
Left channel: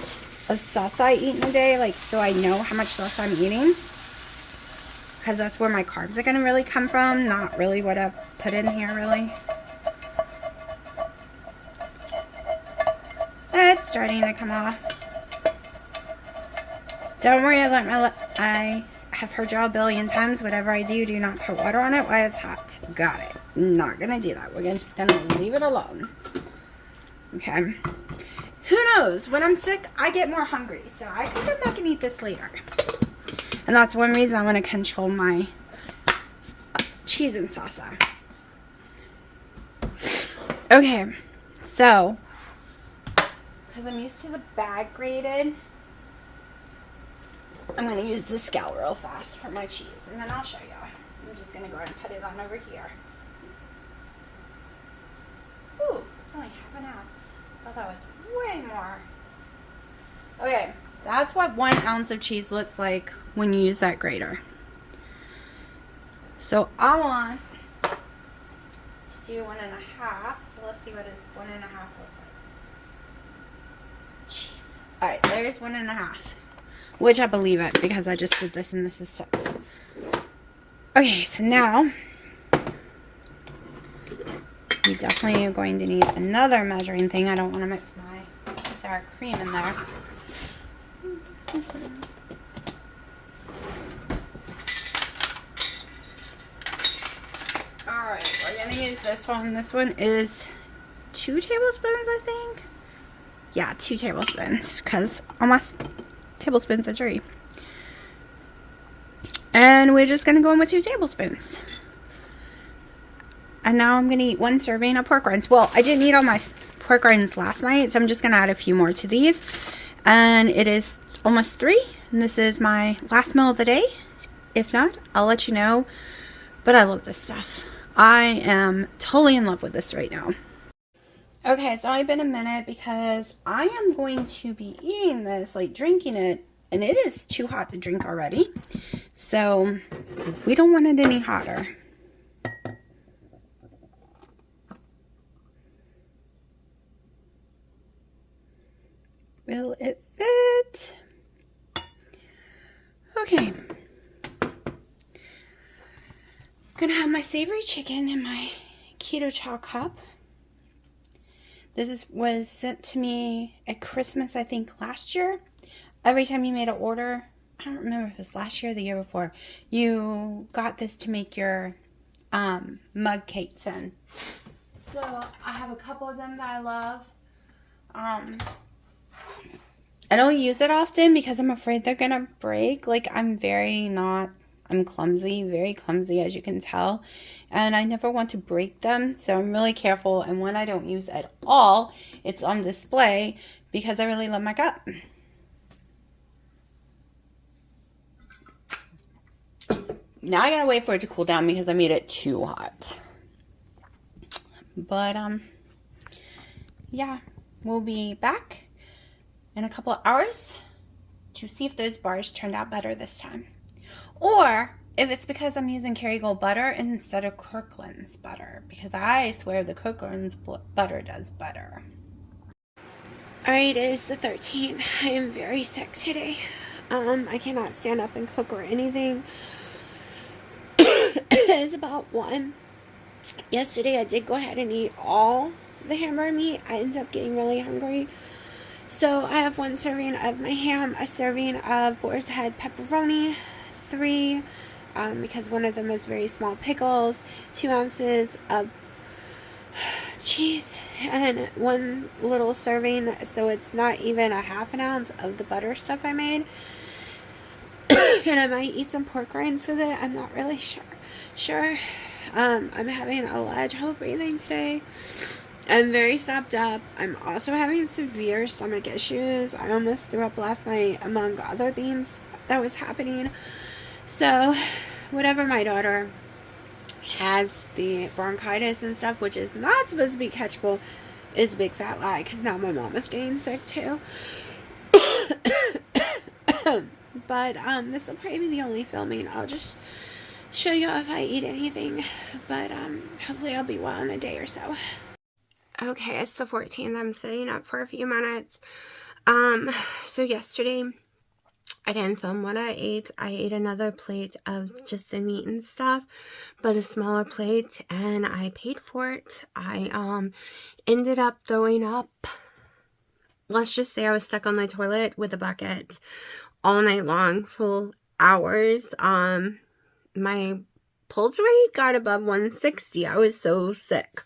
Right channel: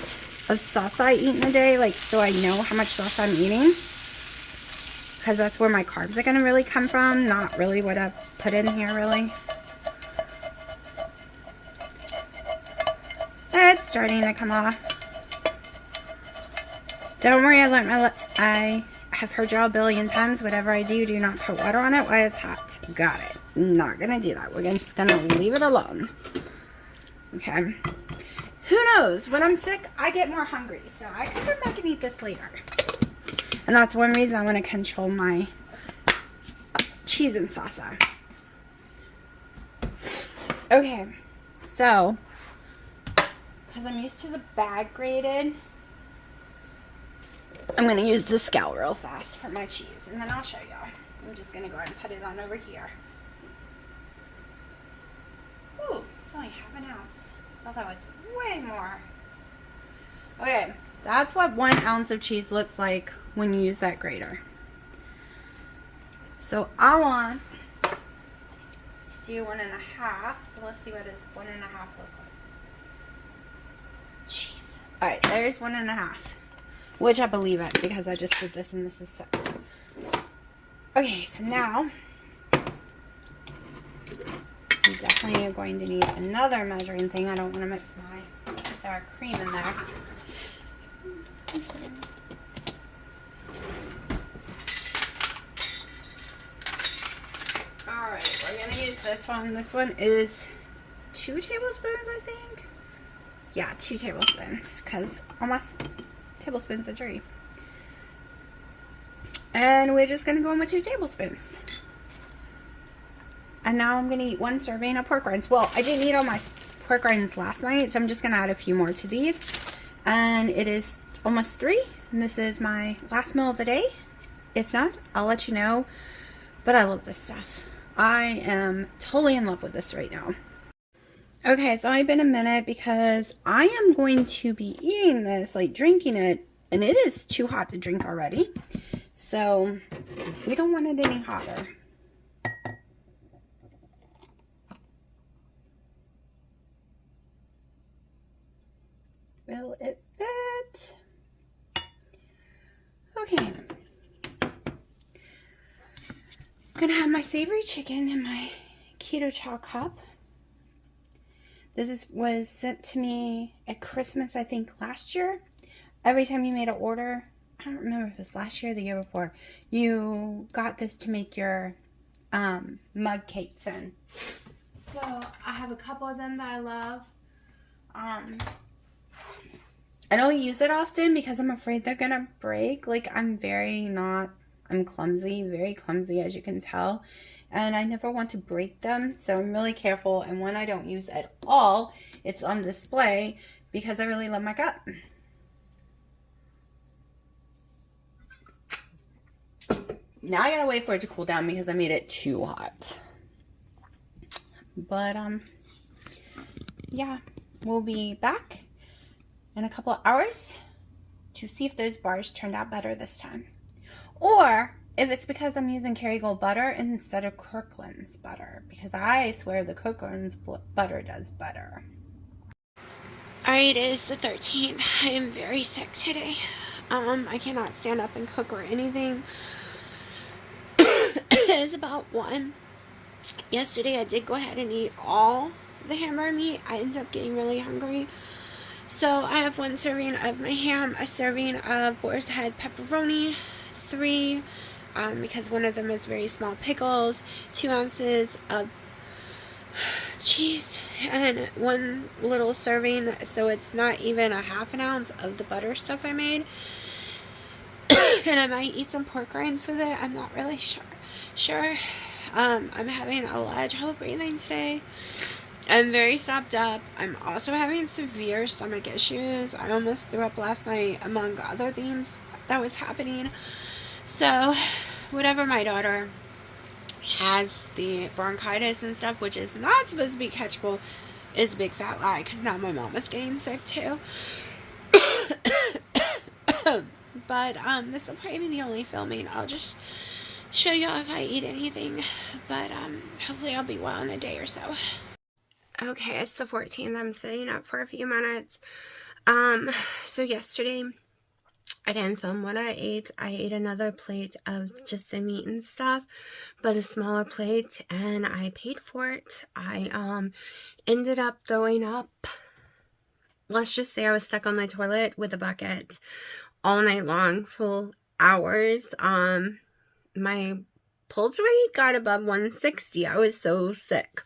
of sauce I eat in a day, like, so I know how much sauce I'm eating. Because that's where my carbs are going to really come from, not really what I put in here, really. It's starting to come off. Don't worry, I have heard y'all a billion times, whatever I do, do not put water on it while it's hot. Got it. Not going to do that. We're just going to leave it alone. Okay. Who knows? When I'm sick, I get more hungry. So I can come back and eat this later. And that's one reason I want to control my cheese and salsa. Okay. So, because I'm used to the bag grated, I'm going to use the scale real fast for my cheese. And then I'll show you. I'm just going to go ahead and put it on over here. Ooh, it's only half an ounce. I thought that was way more. Okay, that's what 1 ounce of cheese looks like when you use that grater. So I want to do 1.5. So let's see what is 1.5 look like. Jeez. Alright, there's 1.5. Which I believe it because I just did this and this is 6. Okay, so now you definitely are going to need another measuring thing. I don't want to mix my sour cream in there. Alright. gonna use this one. This one is 2 tablespoons, I think. Yeah, 2 tablespoons, because all my tablespoons are 3. And we're just gonna go in with 2 tablespoons. And now I'm gonna eat 1 serving of pork rinds. Well, I didn't eat all my pork rinds last night, so I'm just gonna add a few more to these. And it is almost 3, and this is my last meal of the day. If not, I'll let you know. But I love this stuff. I am totally in love with this right now. Okay, it's only been a minute because I am going to be eating this, like drinking it, and it is too hot to drink already. So we don't want it any hotter. Will it fit? Okay. I'm gonna have my savory chicken in my keto chow cup. This was sent to me at Christmas, I think, last year. Every time you made an order, I don't remember if it was last year or the year before, you got this to make your mug cakes in. So I have a couple of them that I love. I don't use it often because I'm afraid they're gonna break. Like, I'm clumsy, very clumsy, as you can tell. And I never want to break them, so I'm really careful. And when I don't use at all, it's on display because I really love my gut. Now I gotta wait for it to cool down because I made it too hot. But, yeah, we'll be back in a couple of hours to see if those bars turned out better this time. Or if it's because I'm using Kerrygold butter instead of Kirkland's butter, because I swear the Kirkland's butter does better. Alright, it is the 13th. I am very sick today. I cannot stand up and cook or anything. It is about 1. Yesterday I did go ahead and eat all the hamburger meat. I ended up getting really hungry. So I have 1 serving of my ham, a serving of boar's head pepperoni, 3, because one of them is very small pickles, 2 ounces of cheese, and 1 little serving, so it's not even a half an ounce of the butter stuff I made. And I might eat some pork rinds with it. I'm not really sure. I'm having a lot of trouble breathing today. I'm very stopped up. I'm also having severe stomach issues. I almost threw up last night, among other things that was happening. So, whatever, my daughter has the bronchitis and stuff, which is not supposed to be catchable, is a big fat lie, because now my mom is getting sick too. But, this will probably be the only filming. I'll just show you if I eat anything. But, hopefully I'll be well in a day or so. Okay, it's the 14th. I'm sitting up for a few minutes. So yesterday, I didn't film what I ate. I ate another plate of just the meat and stuff, but a smaller plate, and I paid for it. I, ended up throwing up. Let's just say I was stuck on the toilet with a bucket all night long, full hours. My pulse rate got above 160. I was so sick.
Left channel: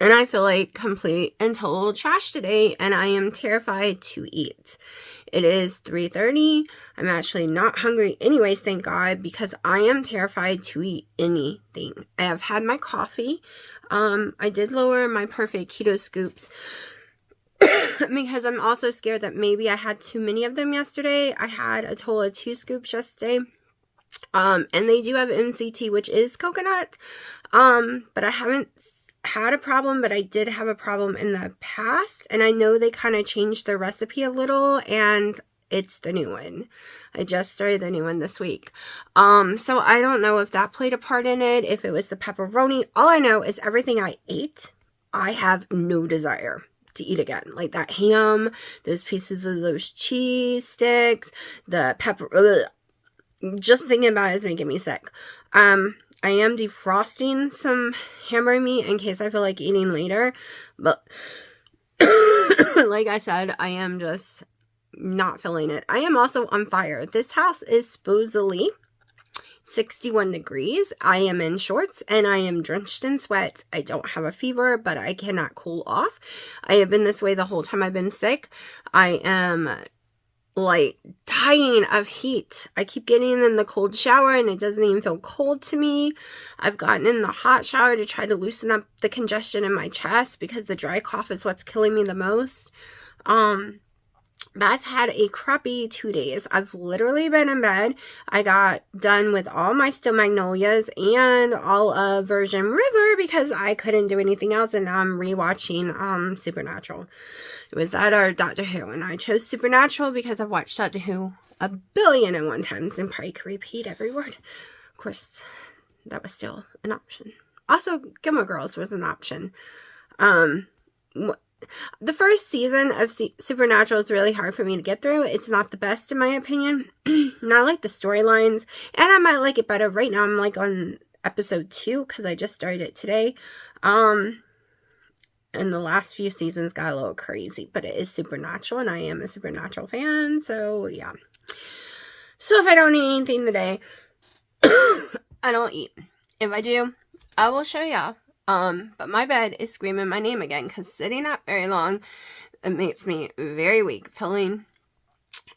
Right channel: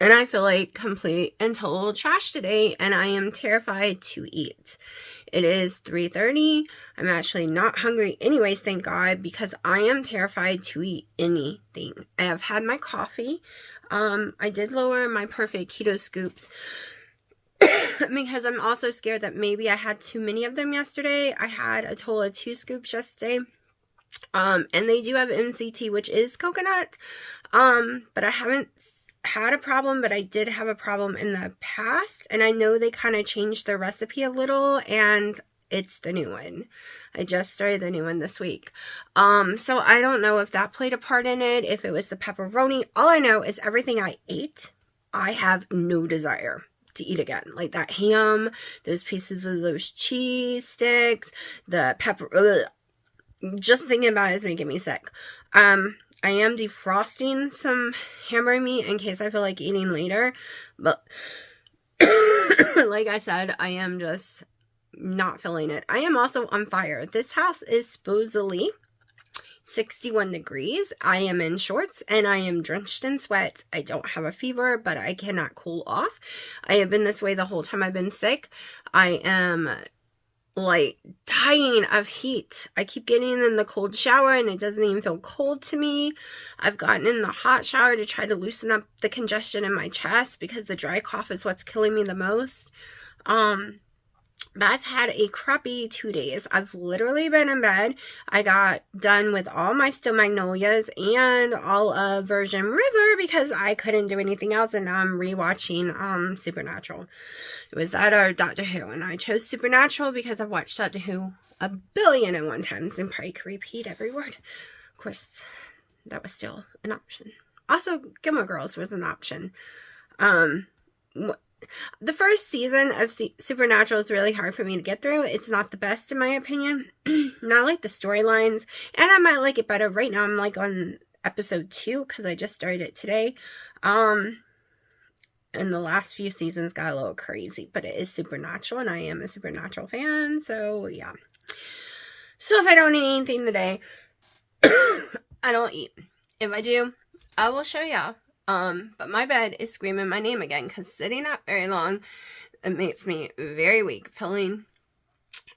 And I feel like complete and total trash today, and I am terrified to eat. It is 3:30. I'm actually not hungry anyways, thank God, because I am terrified to eat anything. I have had my coffee. I did lower my perfect keto scoops because I'm also scared that maybe I had too many of them yesterday. I had a total of 2 scoops yesterday. And they do have MCT, which is coconut. But I haven't had a problem, but I did have a problem in the past, and I know they kind of changed their recipe a little, and it's the new one. I just started the new one this week. So I don't know if that played a part in it, if it was the pepperoni. All I know is everything I ate, I have no desire to eat again. Like that ham, those pieces of those cheese sticks, the pepper, just thinking about it is making me sick. I am defrosting some hamburger meat in case I feel like eating later, but like I said, I am just not feeling it. I am also on fire. This house is supposedly 61 degrees. I am in shorts and I am drenched in sweat. I don't have a fever, but I cannot cool off. I have been this way the whole time I've been sick. I am like dying of heat. I keep getting in the cold shower and it doesn't even feel cold to me. I've gotten in the hot shower to try to loosen up the congestion in my chest because the dry cough is what's killing me the most. But I've had a crappy 2 days. I've literally been in bed. I got done with all my Still Magnolias and all of Virgin River because I couldn't do anything else, and now I'm rewatching Supernatural. It was that or Doctor Who, and I chose Supernatural because I've watched Doctor Who 1,000,001 times and probably could repeat every word. Of course, that was still an option. Also, Gilmore Girls was an option. The first season of Supernatural is really hard for me to get through. It's not the best in my opinion. Not like the storylines, and I might like it better. Right now I'm like on episode 2 because I just started it today. And the last few seasons got a little crazy, but it is Supernatural and I am a Supernatural fan, so yeah. So if I don't eat anything today, I don't eat. If I do, I will show y'all. But my bed is screaming my name again because sitting up very long, it makes me very weak feeling.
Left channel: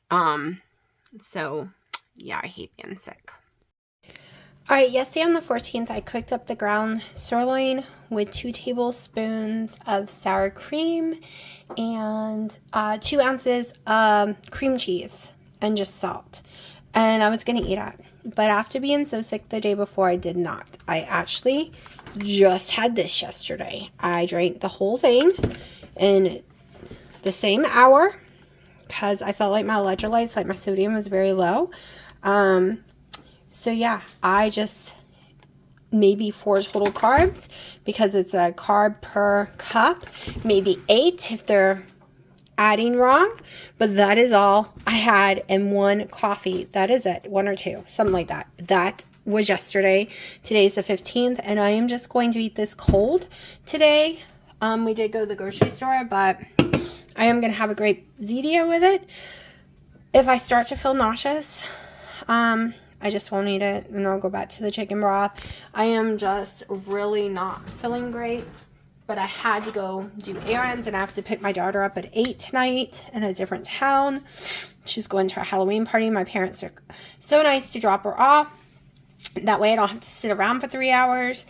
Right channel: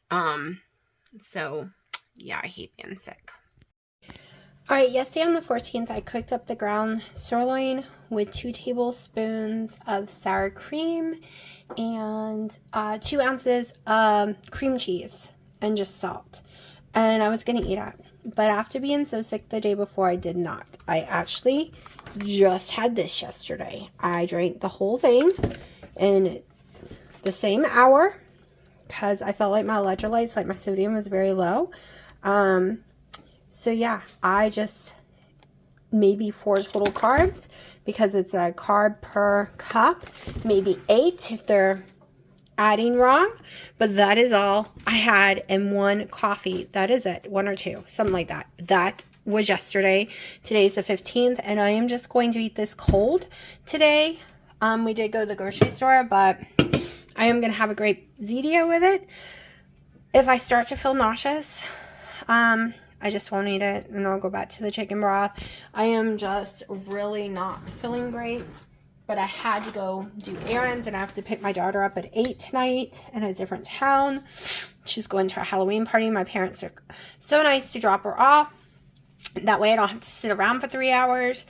So yeah, I hate being sick. Alright, yesterday on the 14th, I cooked up the ground sirloin with 2 tablespoons of sour cream and 2 ounces of cream cheese and just salt. And I was going to eat it. But after being so sick the day before, I did not. I actually just had this yesterday. I drank the whole thing in the same hour because I felt like my electrolytes, like my sodium was very low. So yeah, I just maybe 4 total carbs because it's a carb per cup, maybe 8 if they're adding wrong, but that is all I had in 1 coffee. That is it, 1 or 2, something like that. That was yesterday. Today's the 15th, and I am just going to eat this cold today. We did go to the grocery store, but I am going to have a great Zito with it. If I start to feel nauseous, I just won't eat it, and I'll go back to the chicken broth. I am just really not feeling great, but I had to go do errands, and I have to pick my daughter up at 8 tonight in a different town. She's going to a Halloween party. My parents are so nice to drop her off. That way I don't have to sit around for 3 hours.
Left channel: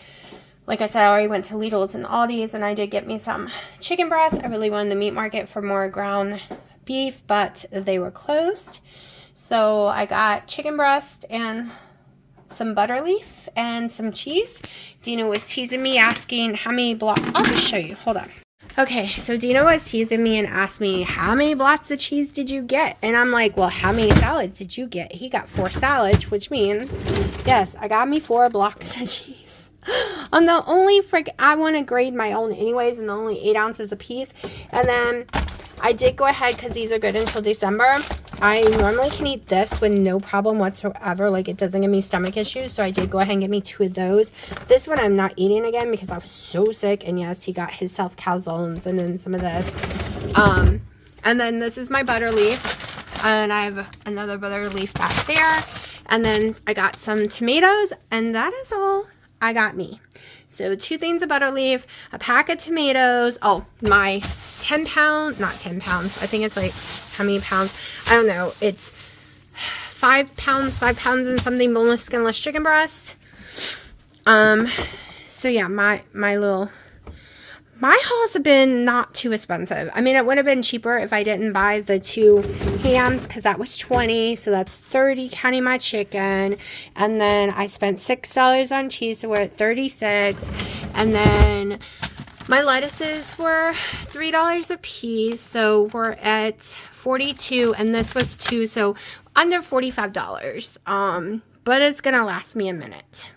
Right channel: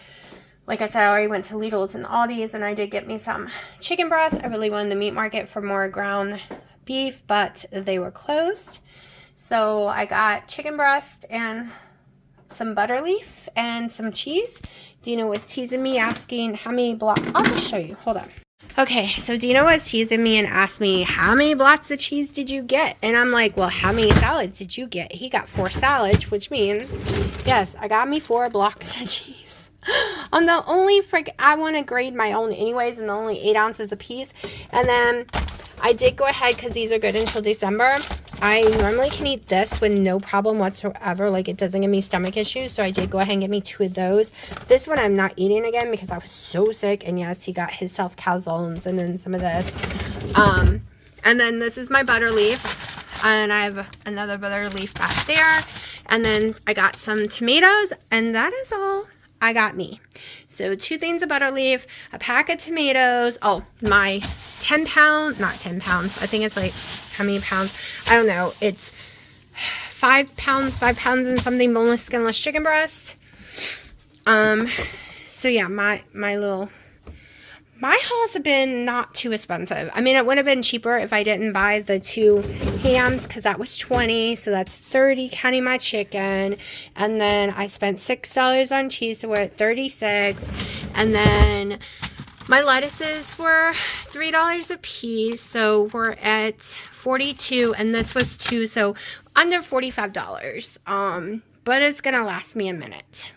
Like I said, I already went to Lidl's and Aldi's, and I did get me some chicken breasts. I really wanted the meat market for more ground beef, but they were closed. So I got chicken breast and some butter leaf and some cheese. Dina was teasing me, asking how many blocks. I'll just show you. Hold on. Okay, so Dina was teasing me and asked me, how many blocks of cheese did you get? And I'm like, well, how many salads did you get? He got 4 salads, which means, yes, I got me 4 blocks of cheese. I'm the only I want to grade my own anyways, and only 8 ounces a piece. And then I did go ahead, because these are good until December. I normally can eat this with no problem whatsoever. Like, it doesn't give me stomach issues. So I did go ahead and get me 2 of those. This one I'm not eating again because I was so sick. And yes, he got himself calzones and then some of this. And then this is my butter leaf. And I have another butter leaf back there. And then I got some tomatoes. And that is all I got me. So 2 things of butter leaf, a pack of tomatoes. Oh, my 10 pound, not 10 pounds. I think it's like, how many pounds? I don't know. It's 5 pounds and something boneless, skinless chicken breast. So yeah, my hauls have been not too expensive. I mean, it would have been cheaper if I didn't buy the 2 hams, because that was $20, so that's $30 counting my chicken. And then I spent $6 on cheese, so we're at $36. And then my lettuces were $3 a piece, so we're at $42, and this was 2, so under $45. But it's gonna last me a minute.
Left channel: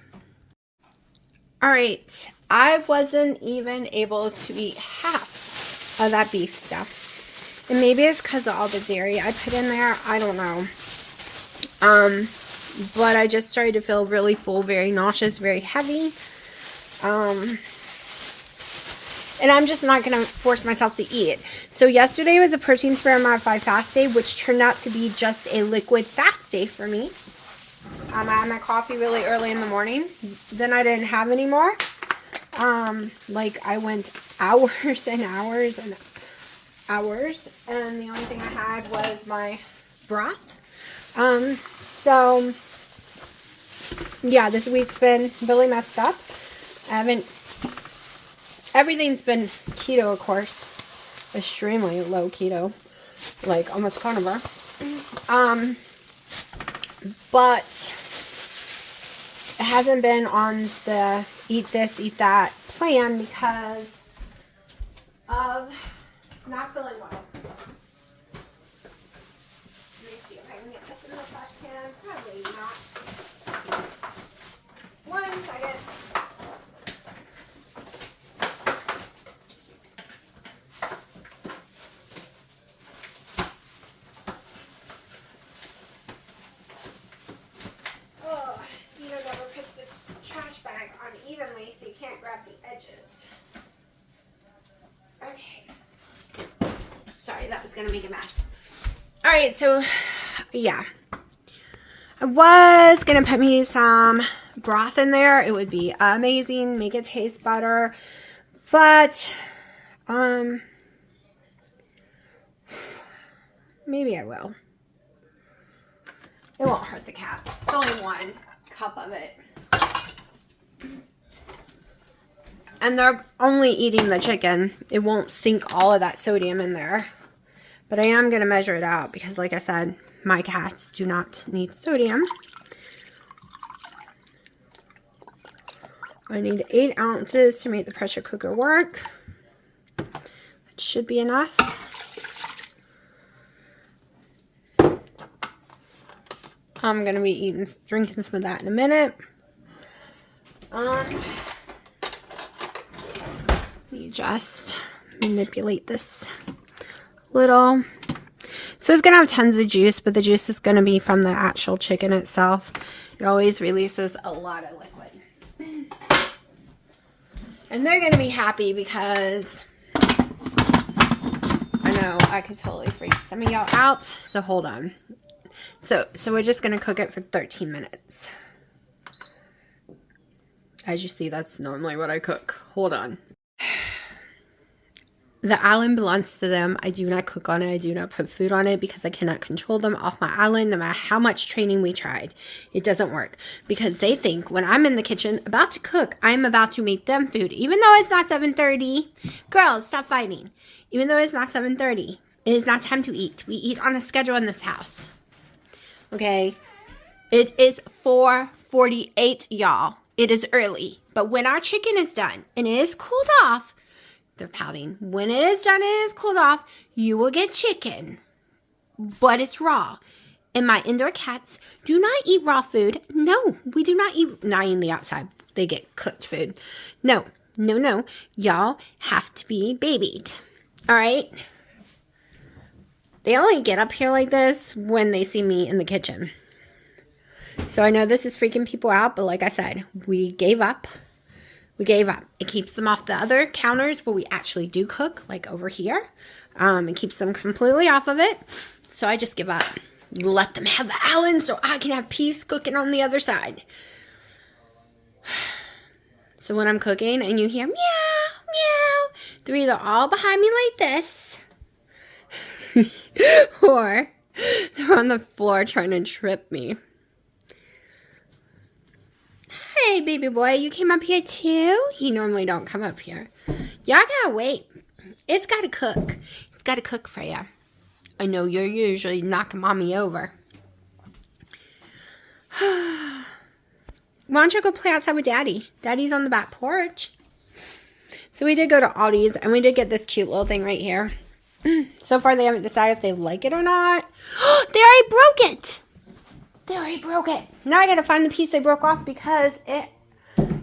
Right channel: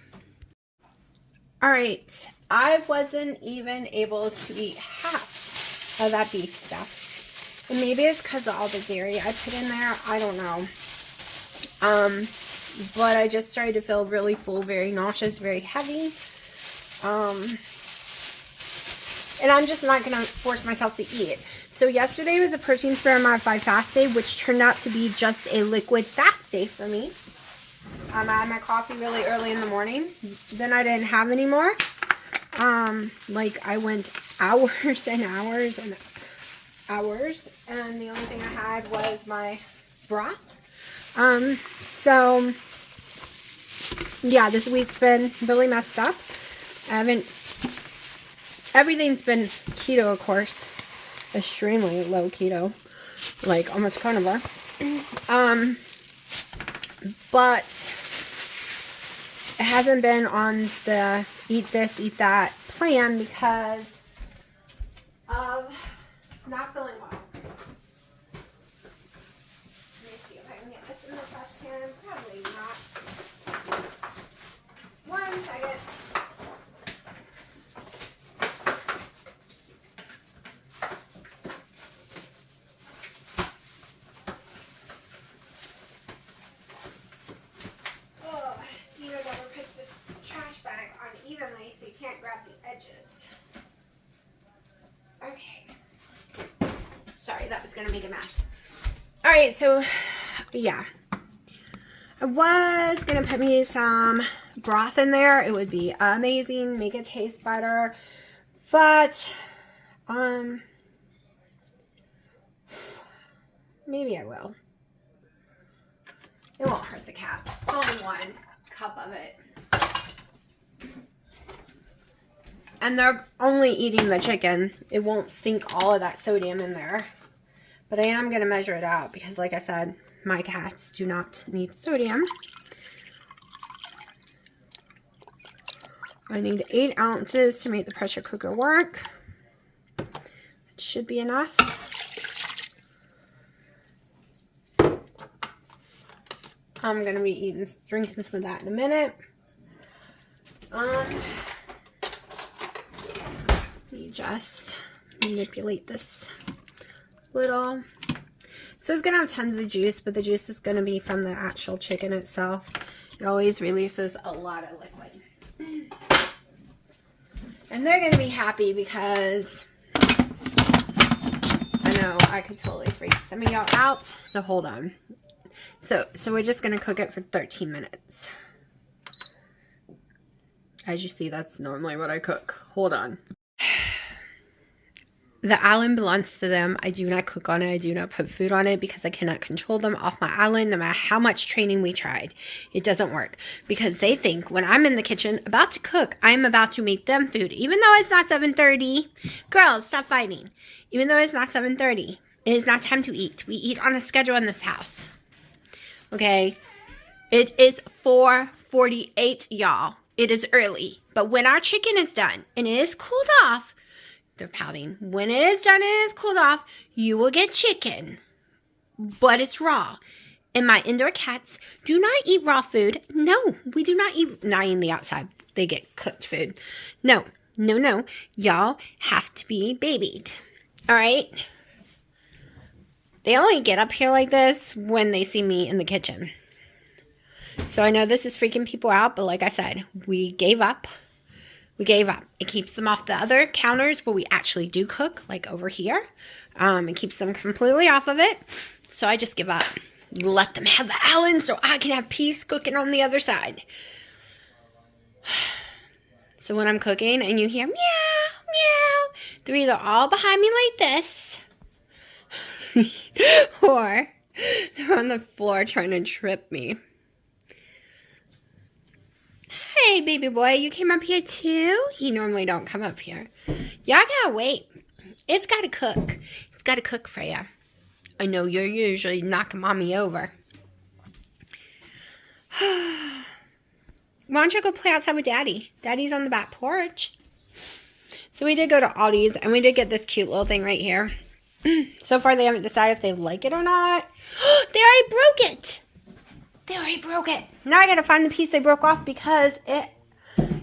All right, I wasn't even able to eat half of that beef stuff. And maybe it's because of all the dairy I put in there. I don't know. But I just started to feel really full, very nauseous, very heavy. And I'm just not going to force myself to eat it. So yesterday was a protein spare modified fast day, which turned out to be just a liquid fast day for me. I had my coffee really early in the morning. Then I didn't have any more. Like I went hours and hours and hours, and the only thing I had was my broth. So yeah, this week's been really messed up. Everything's been keto, of course, extremely low keto, like almost carnivore. But it hasn't been on the eat this, eat that plan because of not feeling well. Let me see if I can get this in the trash can. Probably not. 1 second. Oh, Dino never picks the trash bag unevenly, so you can't grab the edges. Okay. Sorry, that was going to make a mess. Alright, so, yeah. I was going to put me some broth in there. It would be amazing. Make it taste better. But, maybe I will. It won't hurt the cats. It's only 1 cup of it. And they're only eating the chicken. It won't sink all of that sodium in there. But I am going to measure it out because, like I said, my cats do not need sodium. I need 8 ounces to make the pressure cooker work. It should be enough. I'm going to be drinking some of that in a minute. Let me just manipulate this little. So it's going to have tons of juice, but the juice is going to be from the actual chicken itself. It always releases a lot of liquid. And they're going to be happy because I know I could totally freak some of y'all out. So hold on. So we're just going to cook it for 13 minutes. As you see, that's normally what I cook. Hold on. The island belongs to them. I do not cook on it. I do not put food on it because I cannot control them off my island no matter how much training we tried. It doesn't work because they think when I'm in the kitchen about to cook, I'm about to make them food. Even though it's not 7:30. Girls, stop fighting. Even though it's not 7:30. It is not time to eat. We eat on a schedule in this house. Okay? It is 4:48, y'all. It is early. But when our chicken is done and it is cooled off, they're pouting. When it is done and it is cooled off, you will get chicken. But it's raw. And my indoor cats do not eat raw food. No, we do not eat, not in the outside. They get cooked food. No. Y'all have to be babied. All right? They only get up here like this when they see me in the kitchen. So I know this is freaking people out, but like I said, we gave up. We gave up. It keeps them off the other counters where we actually do cook, like over here. It keeps them completely off of it. So I just give up. Let them have the island so I can have peace cooking on the other side. So when I'm cooking and you hear meow, meow, they're either all behind me like this or they're on the floor trying to trip me. Hey, baby boy, you came up here too? He normally don't come up here. Y'all gotta wait. It's gotta cook. It's gotta cook for you. I know you're usually knocking mommy over. Why don't you go play outside with Daddy? Daddy's on the back porch. So we did go to Aldi's, and we did get this cute little thing right here. So far, they haven't decided if they like it or not. They already broke it. They already broke it. Now I gotta find the piece they broke off because it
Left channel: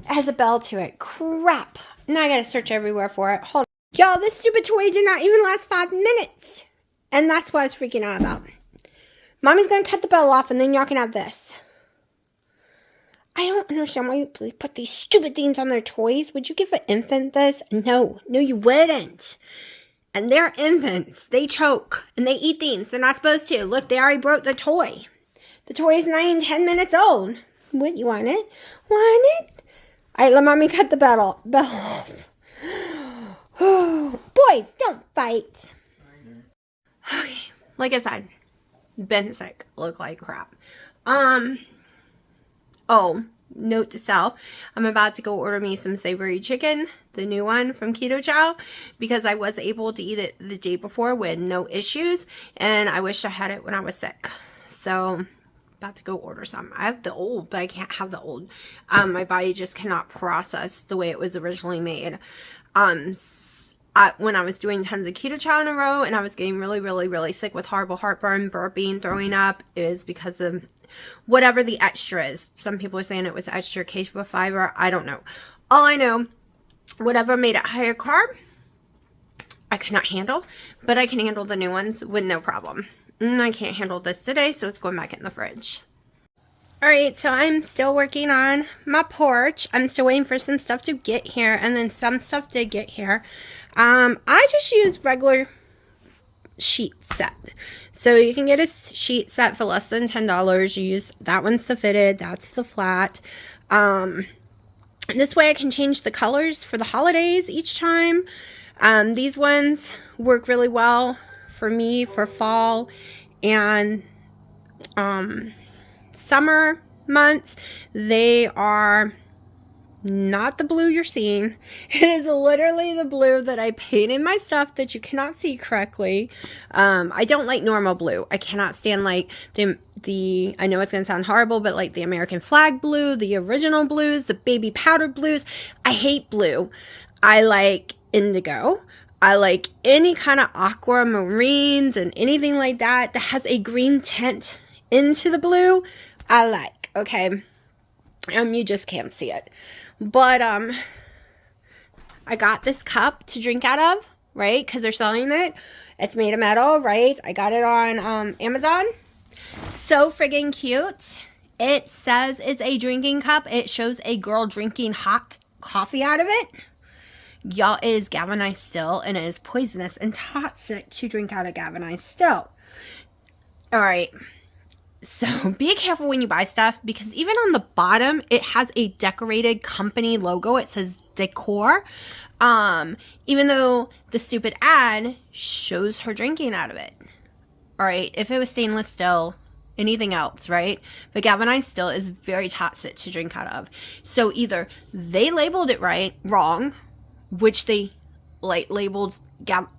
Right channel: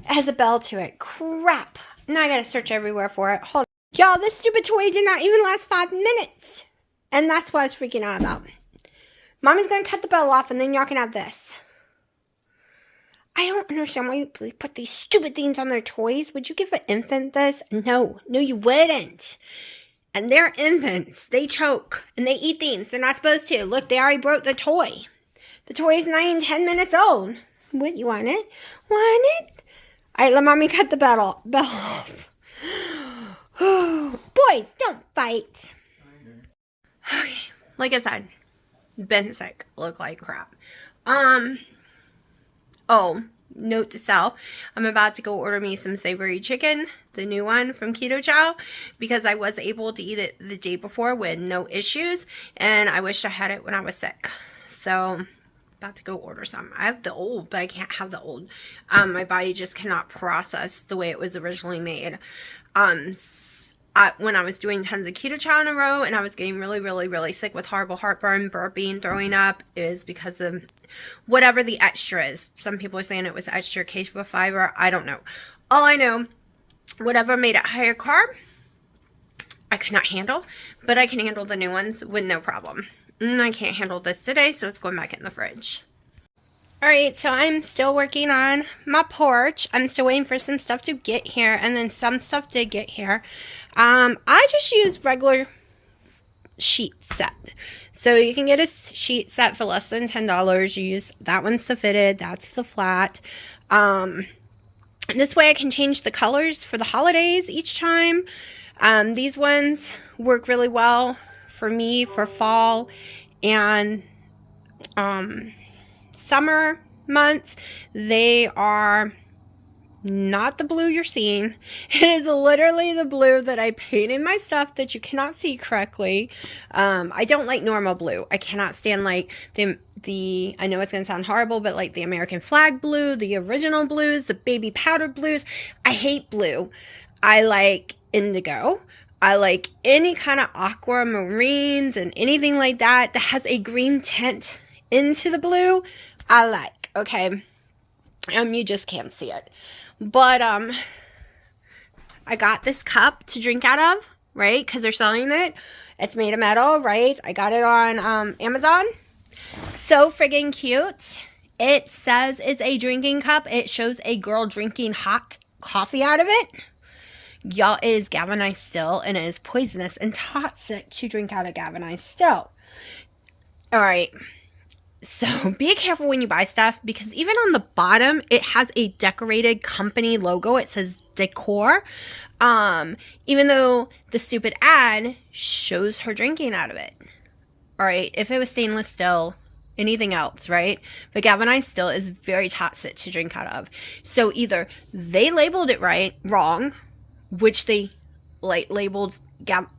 has a bell to it. Crap. Now I gotta search everywhere for it. Hold on. Y'all, this stupid toy did not even last 5 minutes. And that's what I was freaking out about. Mommy's gonna cut the bell off and then y'all can have this. I don't understand why you put these stupid things on their toys. Would you give an infant this? No, you wouldn't. And they're infants. They choke and they eat things they're not supposed to. Look, they already broke the toy. The toy's 10 minutes old. What, you want it? Want it? All right, let mommy cut the bell off. Boys, don't fight. Okay, like I said, been sick, look like crap. Oh, note to self, I'm about to go order me some savory chicken, the new one from Keto Chow, because I was able to eat it the day before with no issues, and I wish I had it when I was sick. So, about to go order some. I have the old, but I can't have the old. My body just cannot process the way it was originally made. When I was doing tons of Keto Chow in a row and I was getting really, really, really sick with horrible heartburn, burping, throwing up, is because of whatever the extra is. Some people are saying it was extra Keto fiber. I don't know. All I know, whatever made it higher carb, I could not handle, but I can handle the new ones with no problem. I can't handle this today, so it's going back in the fridge. Alright, so I'm still working on my porch. I'm still waiting for some stuff to get here, and then some stuff did get here. I just use regular sheet set. So you can get a sheet set for less than $10. You use, that one's the fitted, that's the flat. This way I can change the colors for the holidays each time. These ones work really well for me for fall and summer months. They are not the blue you're seeing. It is literally the blue that I put in my stuff that you cannot see correctly. I don't like normal blue. I cannot stand like the I know it's going to sound horrible, but like the American flag blue, the original blues, the baby powder blues. I hate blue. I like indigo. I like any kind of aquamarines and anything like that that has a green tint into the blue. I like, okay? You just can't see it. But, I got this cup to drink out of, right? Because they're selling it. It's made of metal, right? I got it on, Amazon. So friggin' cute. It says it's a drinking cup. It shows a girl drinking hot coffee out of it. Y'all, it is galvanized still, and it is poisonous and toxic to drink out of galvanized still. Alright. So be careful when you buy stuff, because even on the bottom, it has a decorated company logo. It says decor. Even though the stupid ad shows her drinking out of it. Alright, if it was stainless steel, anything else, right? But galvanized steel is very toxic to drink out of. So either they labeled it wrong, which they labeled,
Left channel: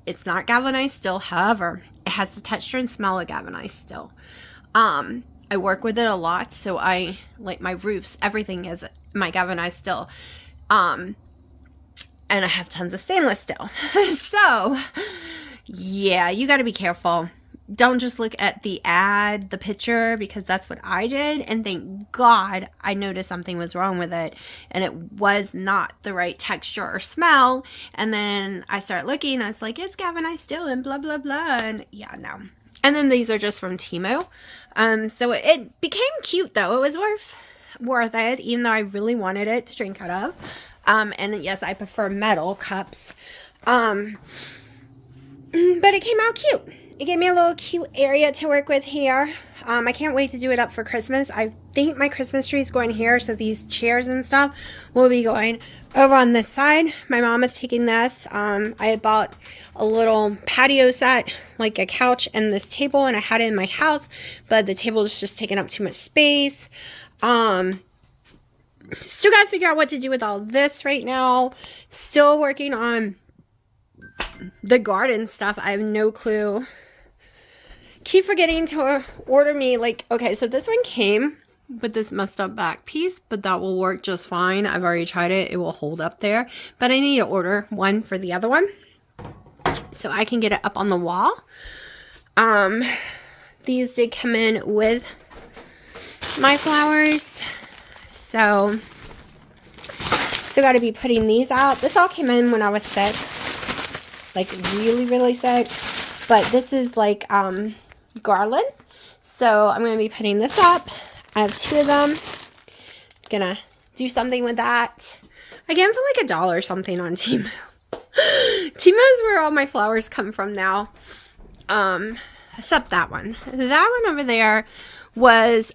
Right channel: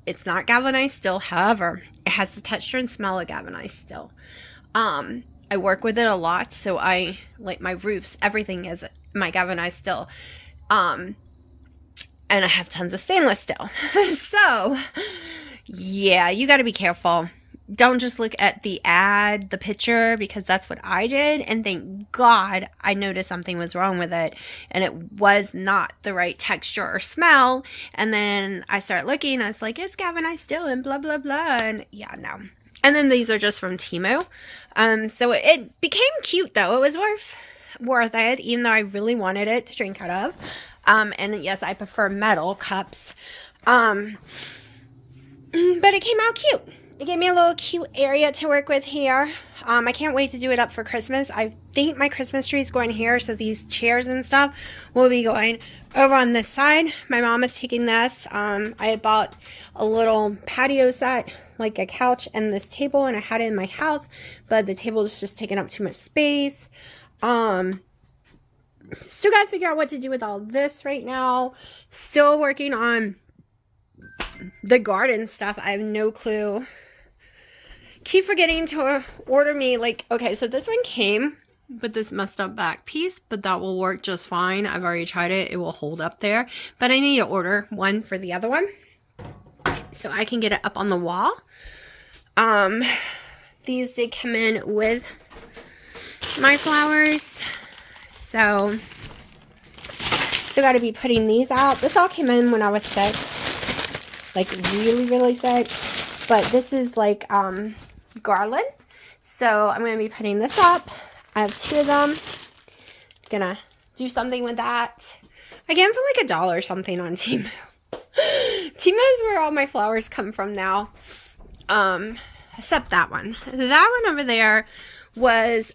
it's not galvanized steel. However, it has the texture and smell of galvanized steel. I work with it a lot, so I like my roofs, everything is my galvanized steel. And I have tons of stainless steel. So, yeah, you got to be careful. Don't just look at the ad, the picture, because that's what I did. And thank God I noticed something was wrong with it. And it was not the right texture or smell. And then I started looking. I was like, it's galvanized steel and blah, blah, blah. And yeah, no. And then these are just from Temu. So it became cute, though. It was worth it, even though I really wanted it to drink out of. And yes, I prefer metal cups. But it came out cute. It gave me a little cute area to work with here. I can't wait to do it up for Christmas. I think my Christmas tree is going here, so these chairs and stuff will be going over on this side. My mom is taking this. I had bought a little patio set, like a couch and this table, and I had it in my house, but the table is just taking up too much space. Still got to figure out what to do with all this right now. Still working on the garden stuff. I have no clue. Keep forgetting to order me, like, okay, so this one came with this messed up back piece, but that will work just fine. I've already tried it. It will hold up there. But I need to order one for the other one so I can get it up on the wall. These did come in with my flowers. So, still got to be putting these out. This all came in when I was sick. Like, really, really sick. But this is like, garland. So, I'm going to be putting this up. I have 2 of them. Gonna do something with that. I get them for like $1 or something on Temu. Temu is where all my flowers come from now. Except that one. That one over there was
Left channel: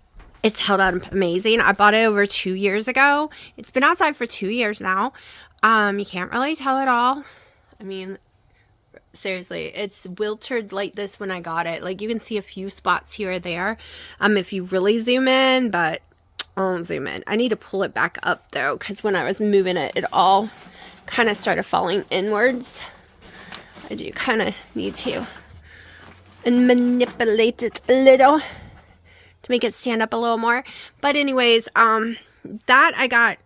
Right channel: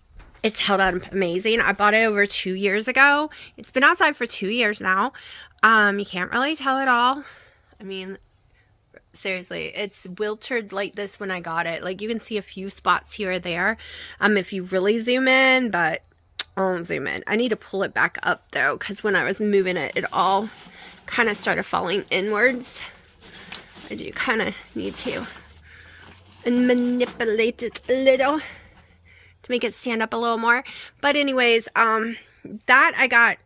It's held up amazing. I bought it over 2 years ago. It's been outside for 2 years now. You can't really tell at all. I mean, seriously, it's wilted like this when I got it. Like, you can see a few spots here or there if you really zoom in, but I won't zoom in. I need to pull it back up, though, because when I was moving it, it all kind of started falling inwards. I do kind of need to manipulate it a little to make it stand up a little more. But anyways, that I got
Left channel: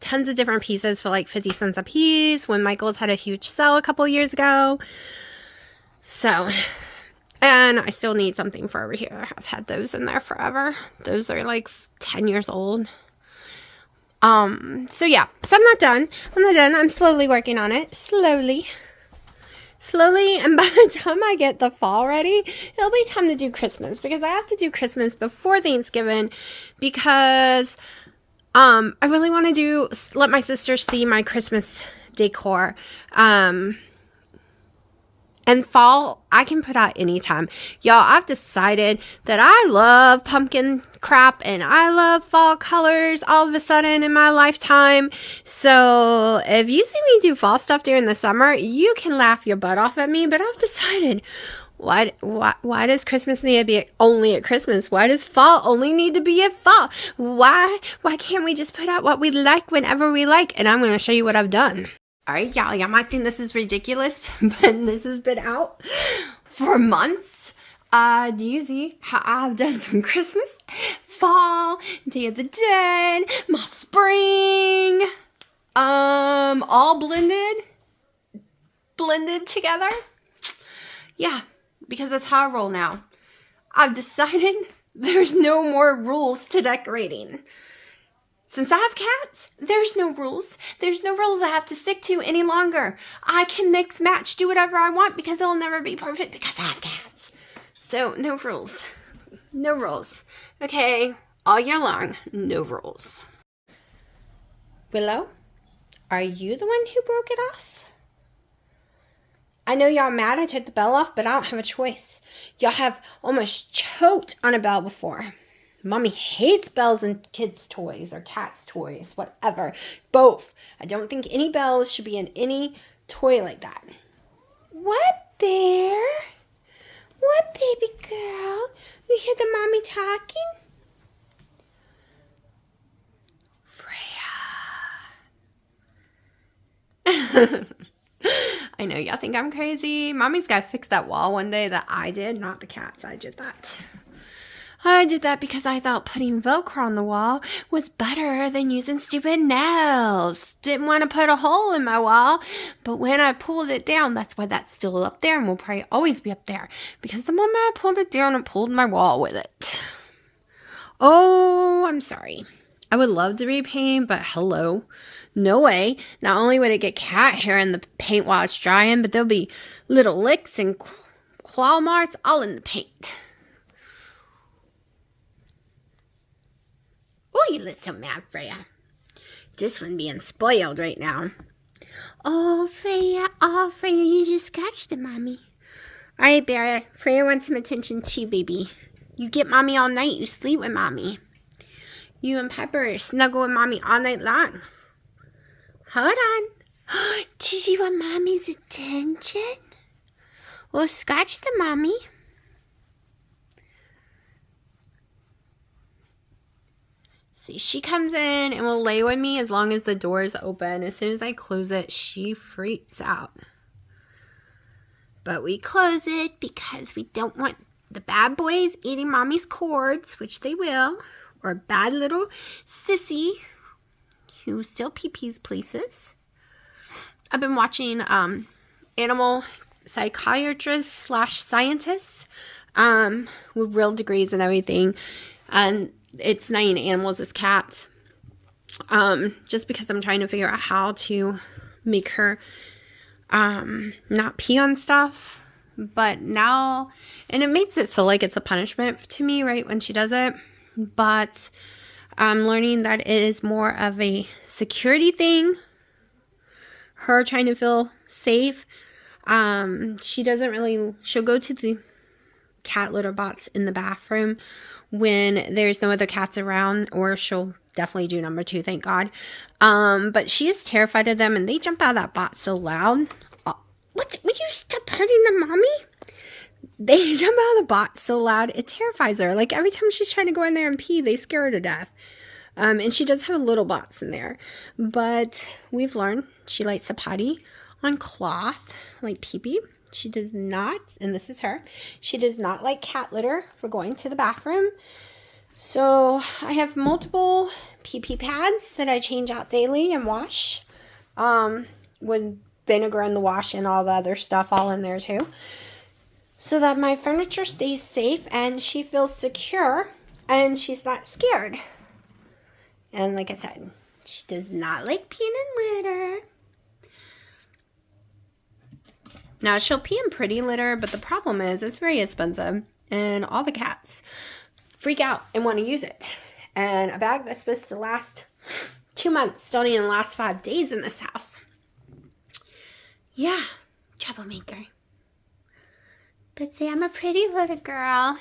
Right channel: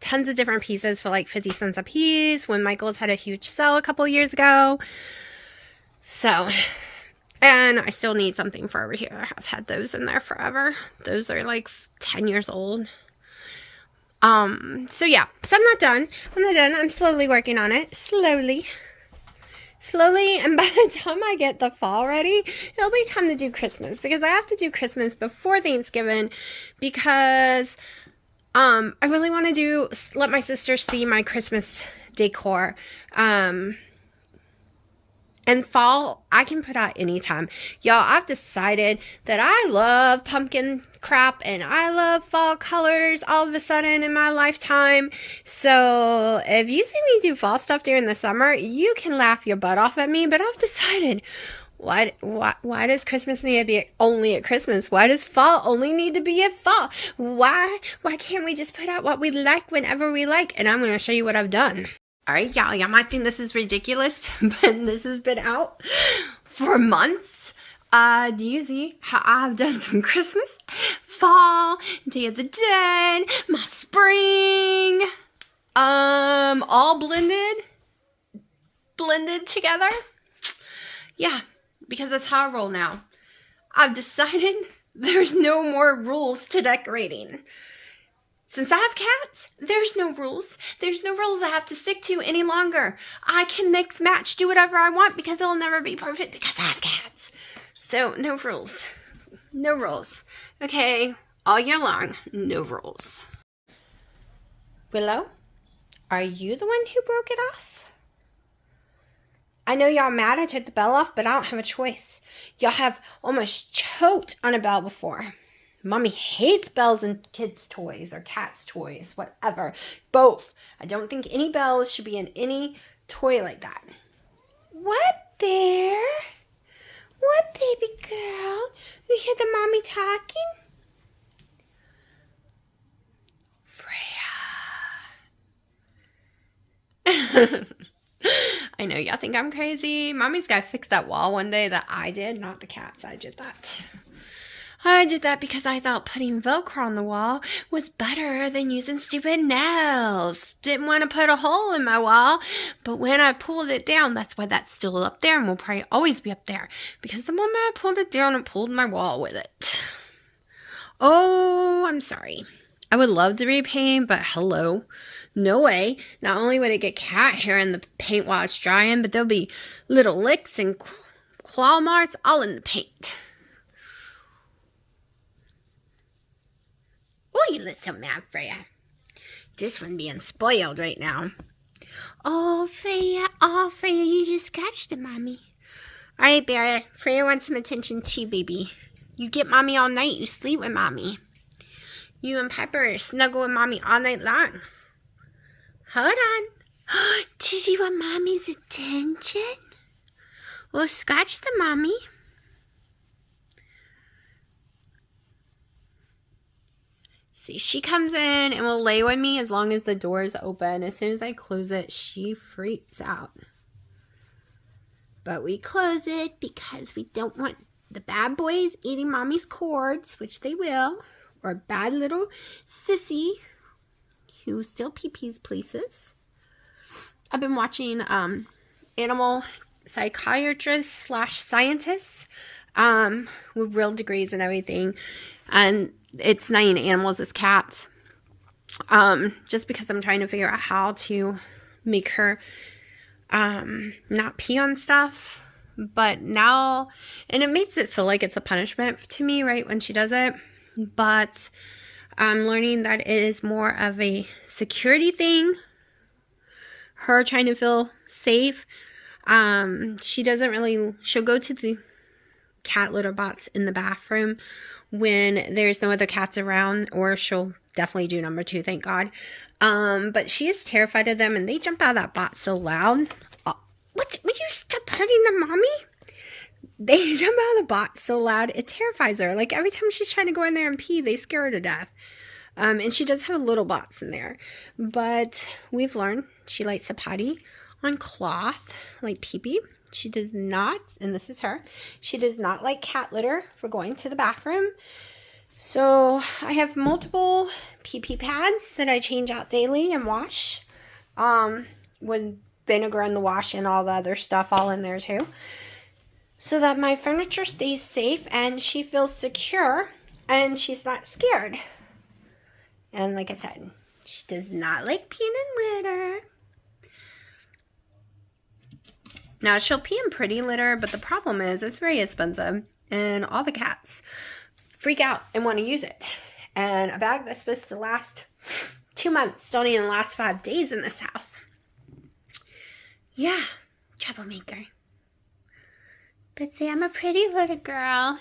tons of different pieces for like 50 cents a piece when Michael's had a huge sale a couple years ago. So, and I still need something for over here. I've had those in there forever. Those are like 10 years old. So yeah, so I'm not done. I'm slowly working on it. Slowly. And by the time I get the fall ready, it'll be time to do Christmas, because I have to do Christmas before Thanksgiving, because I really want to let my sister see my Christmas decor. And fall, I can put out anytime. Y'all, I've decided that I love pumpkin crap and I love fall colors all of a sudden in my lifetime. So if you see me do fall stuff during the summer, you can laugh your butt off at me. But I've decided, why does Christmas need to be only at Christmas? Why does fall only need to be at fall? Why can't we just put out what we like whenever we like? And I'm going to show you what I've done. All right, y'all might think this is ridiculous, but this has been out for months. Do you see how I've done some Christmas, fall, Day of the Dead, my spring, all blended together? Yeah, because that's how I roll now. I've decided there's no more rules to decorating. Since I have cats, there's no rules. There's no rules I have to stick to any longer. I can mix, match, do whatever I want, because it'll never be perfect because I have cats. So, no rules. No rules. Okay, all year long, no rules. Willow, are you the one who broke it off? I know y'all mad I took the bell off, but I don't have a choice. Y'all have almost choked on a bell before. Mommy hates bells in kids' toys or cats' toys, whatever. Both. I don't think any bells should be in any toy like that. What, Bear? What, baby girl? You hear the mommy talking? Freya. I know y'all think I'm crazy. Mommy's got to fix that wall one day that I did, not the cats. I did that. I did that because I thought putting Velcro on the wall was better than using stupid nails. Didn't want to put a hole in my wall, but when I pulled it down, that's why that's still up there and will probably always be up there. Because the moment I pulled it down, it pulled my wall with it. Oh, I'm sorry. I would love to repaint, but hello. No way. Not only would it get cat hair in the paint while it's drying, but there'll be little licks and claw marks all in the paint. Oh, you little mad, Freya. This one being spoiled right now. Oh, Freya, you just scratched it, Mommy. All right, Bear. Freya wants some attention too, baby. You get Mommy all night. You sleep with Mommy. You and Pepper snuggle with Mommy all night long. Hold on. Did you want Mommy's attention? Well, scratch the Mommy. See, she comes in and will lay with me as long as the door is open. As soon as I close it, she freaks out. But we close it because we don't want the bad boys eating Mommy's cords, which they will, or bad little sissy who still pee-pees places. I've been watching animal psychiatrists / scientists with real degrees and everything, and it's not even animals, it's cats. Just because I'm trying to figure out how to make her not pee on stuff. But now, and it makes it feel like it's a punishment to me, right, when she does it. But I'm learning that it is more of a security thing. Her trying to feel safe. She doesn't really, she'll go to the cat litter box in the bathroom when there's no other cats around, or she'll definitely do number 2, thank God. But she is terrified of them, and they jump out of that box so loud. What? Will you stop hurting them, Mommy? They jump out of the box so loud, it terrifies her. Like, every time she's trying to go in there and pee, they scare her to death. And she does have a little box in there. But we've learned she likes to potty on cloth, like pee-pee. She does not, and this is her, she does not like cat litter for going to the bathroom. So I have multiple pee-pee pads that I change out daily and wash. With vinegar in the wash and all the other stuff all in there too. So that my furniture stays safe and she feels secure and she's not scared. And like I said, she does not like peeing in litter. Now, she'll pee in pretty litter, but the problem is it's very expensive. And all the cats freak out and want to use it. And a bag that's supposed to last 2 months don't even last 5 days in this house. Yeah, troublemaker. But see, I'm a pretty little girl.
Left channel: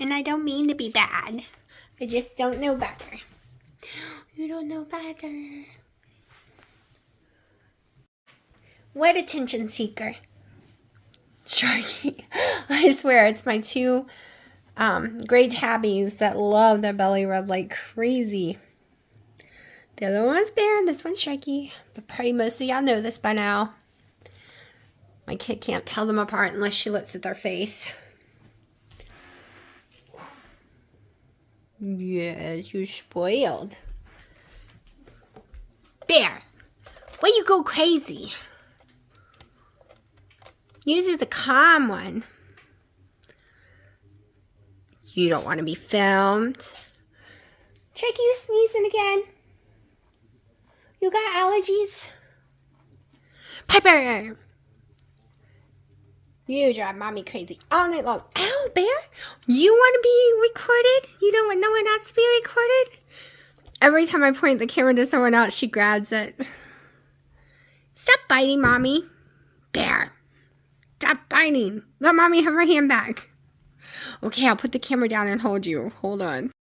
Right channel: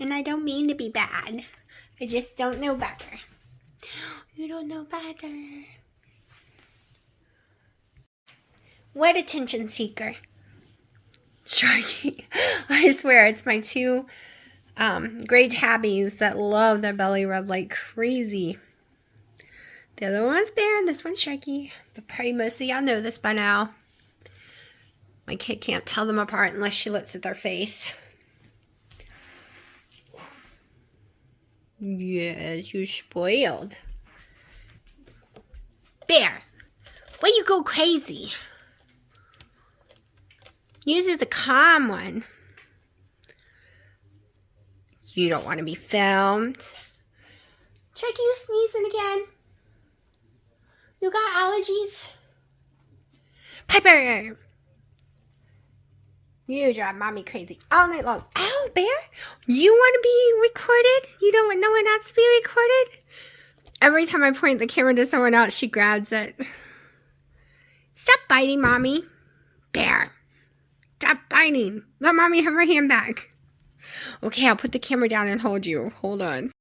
And I don't mean to be bad. I just don't know better. You don't know better. What attention seeker. Sharky. I swear, it's my 2 gray tabbies that love their belly rub like crazy. The other one's Bear and this one's Sharky. But probably most of y'all know this by now. My kid can't tell them apart unless she looks at their face. Yes, you're spoiled. Bear, why you go crazy? Usually the calm one. You don't want to be filmed. Check you sneezing again. You got allergies? Piper! You drive Mommy crazy all night long. Oh, Bear, you want to be recorded? You don't want no one else to be recorded? Every time I point the camera to someone else, she grabs it. Stop biting, Mommy. Bear, stop biting. Let Mommy have her hand back. Okay, I'll put the camera down and hold you. Hold on.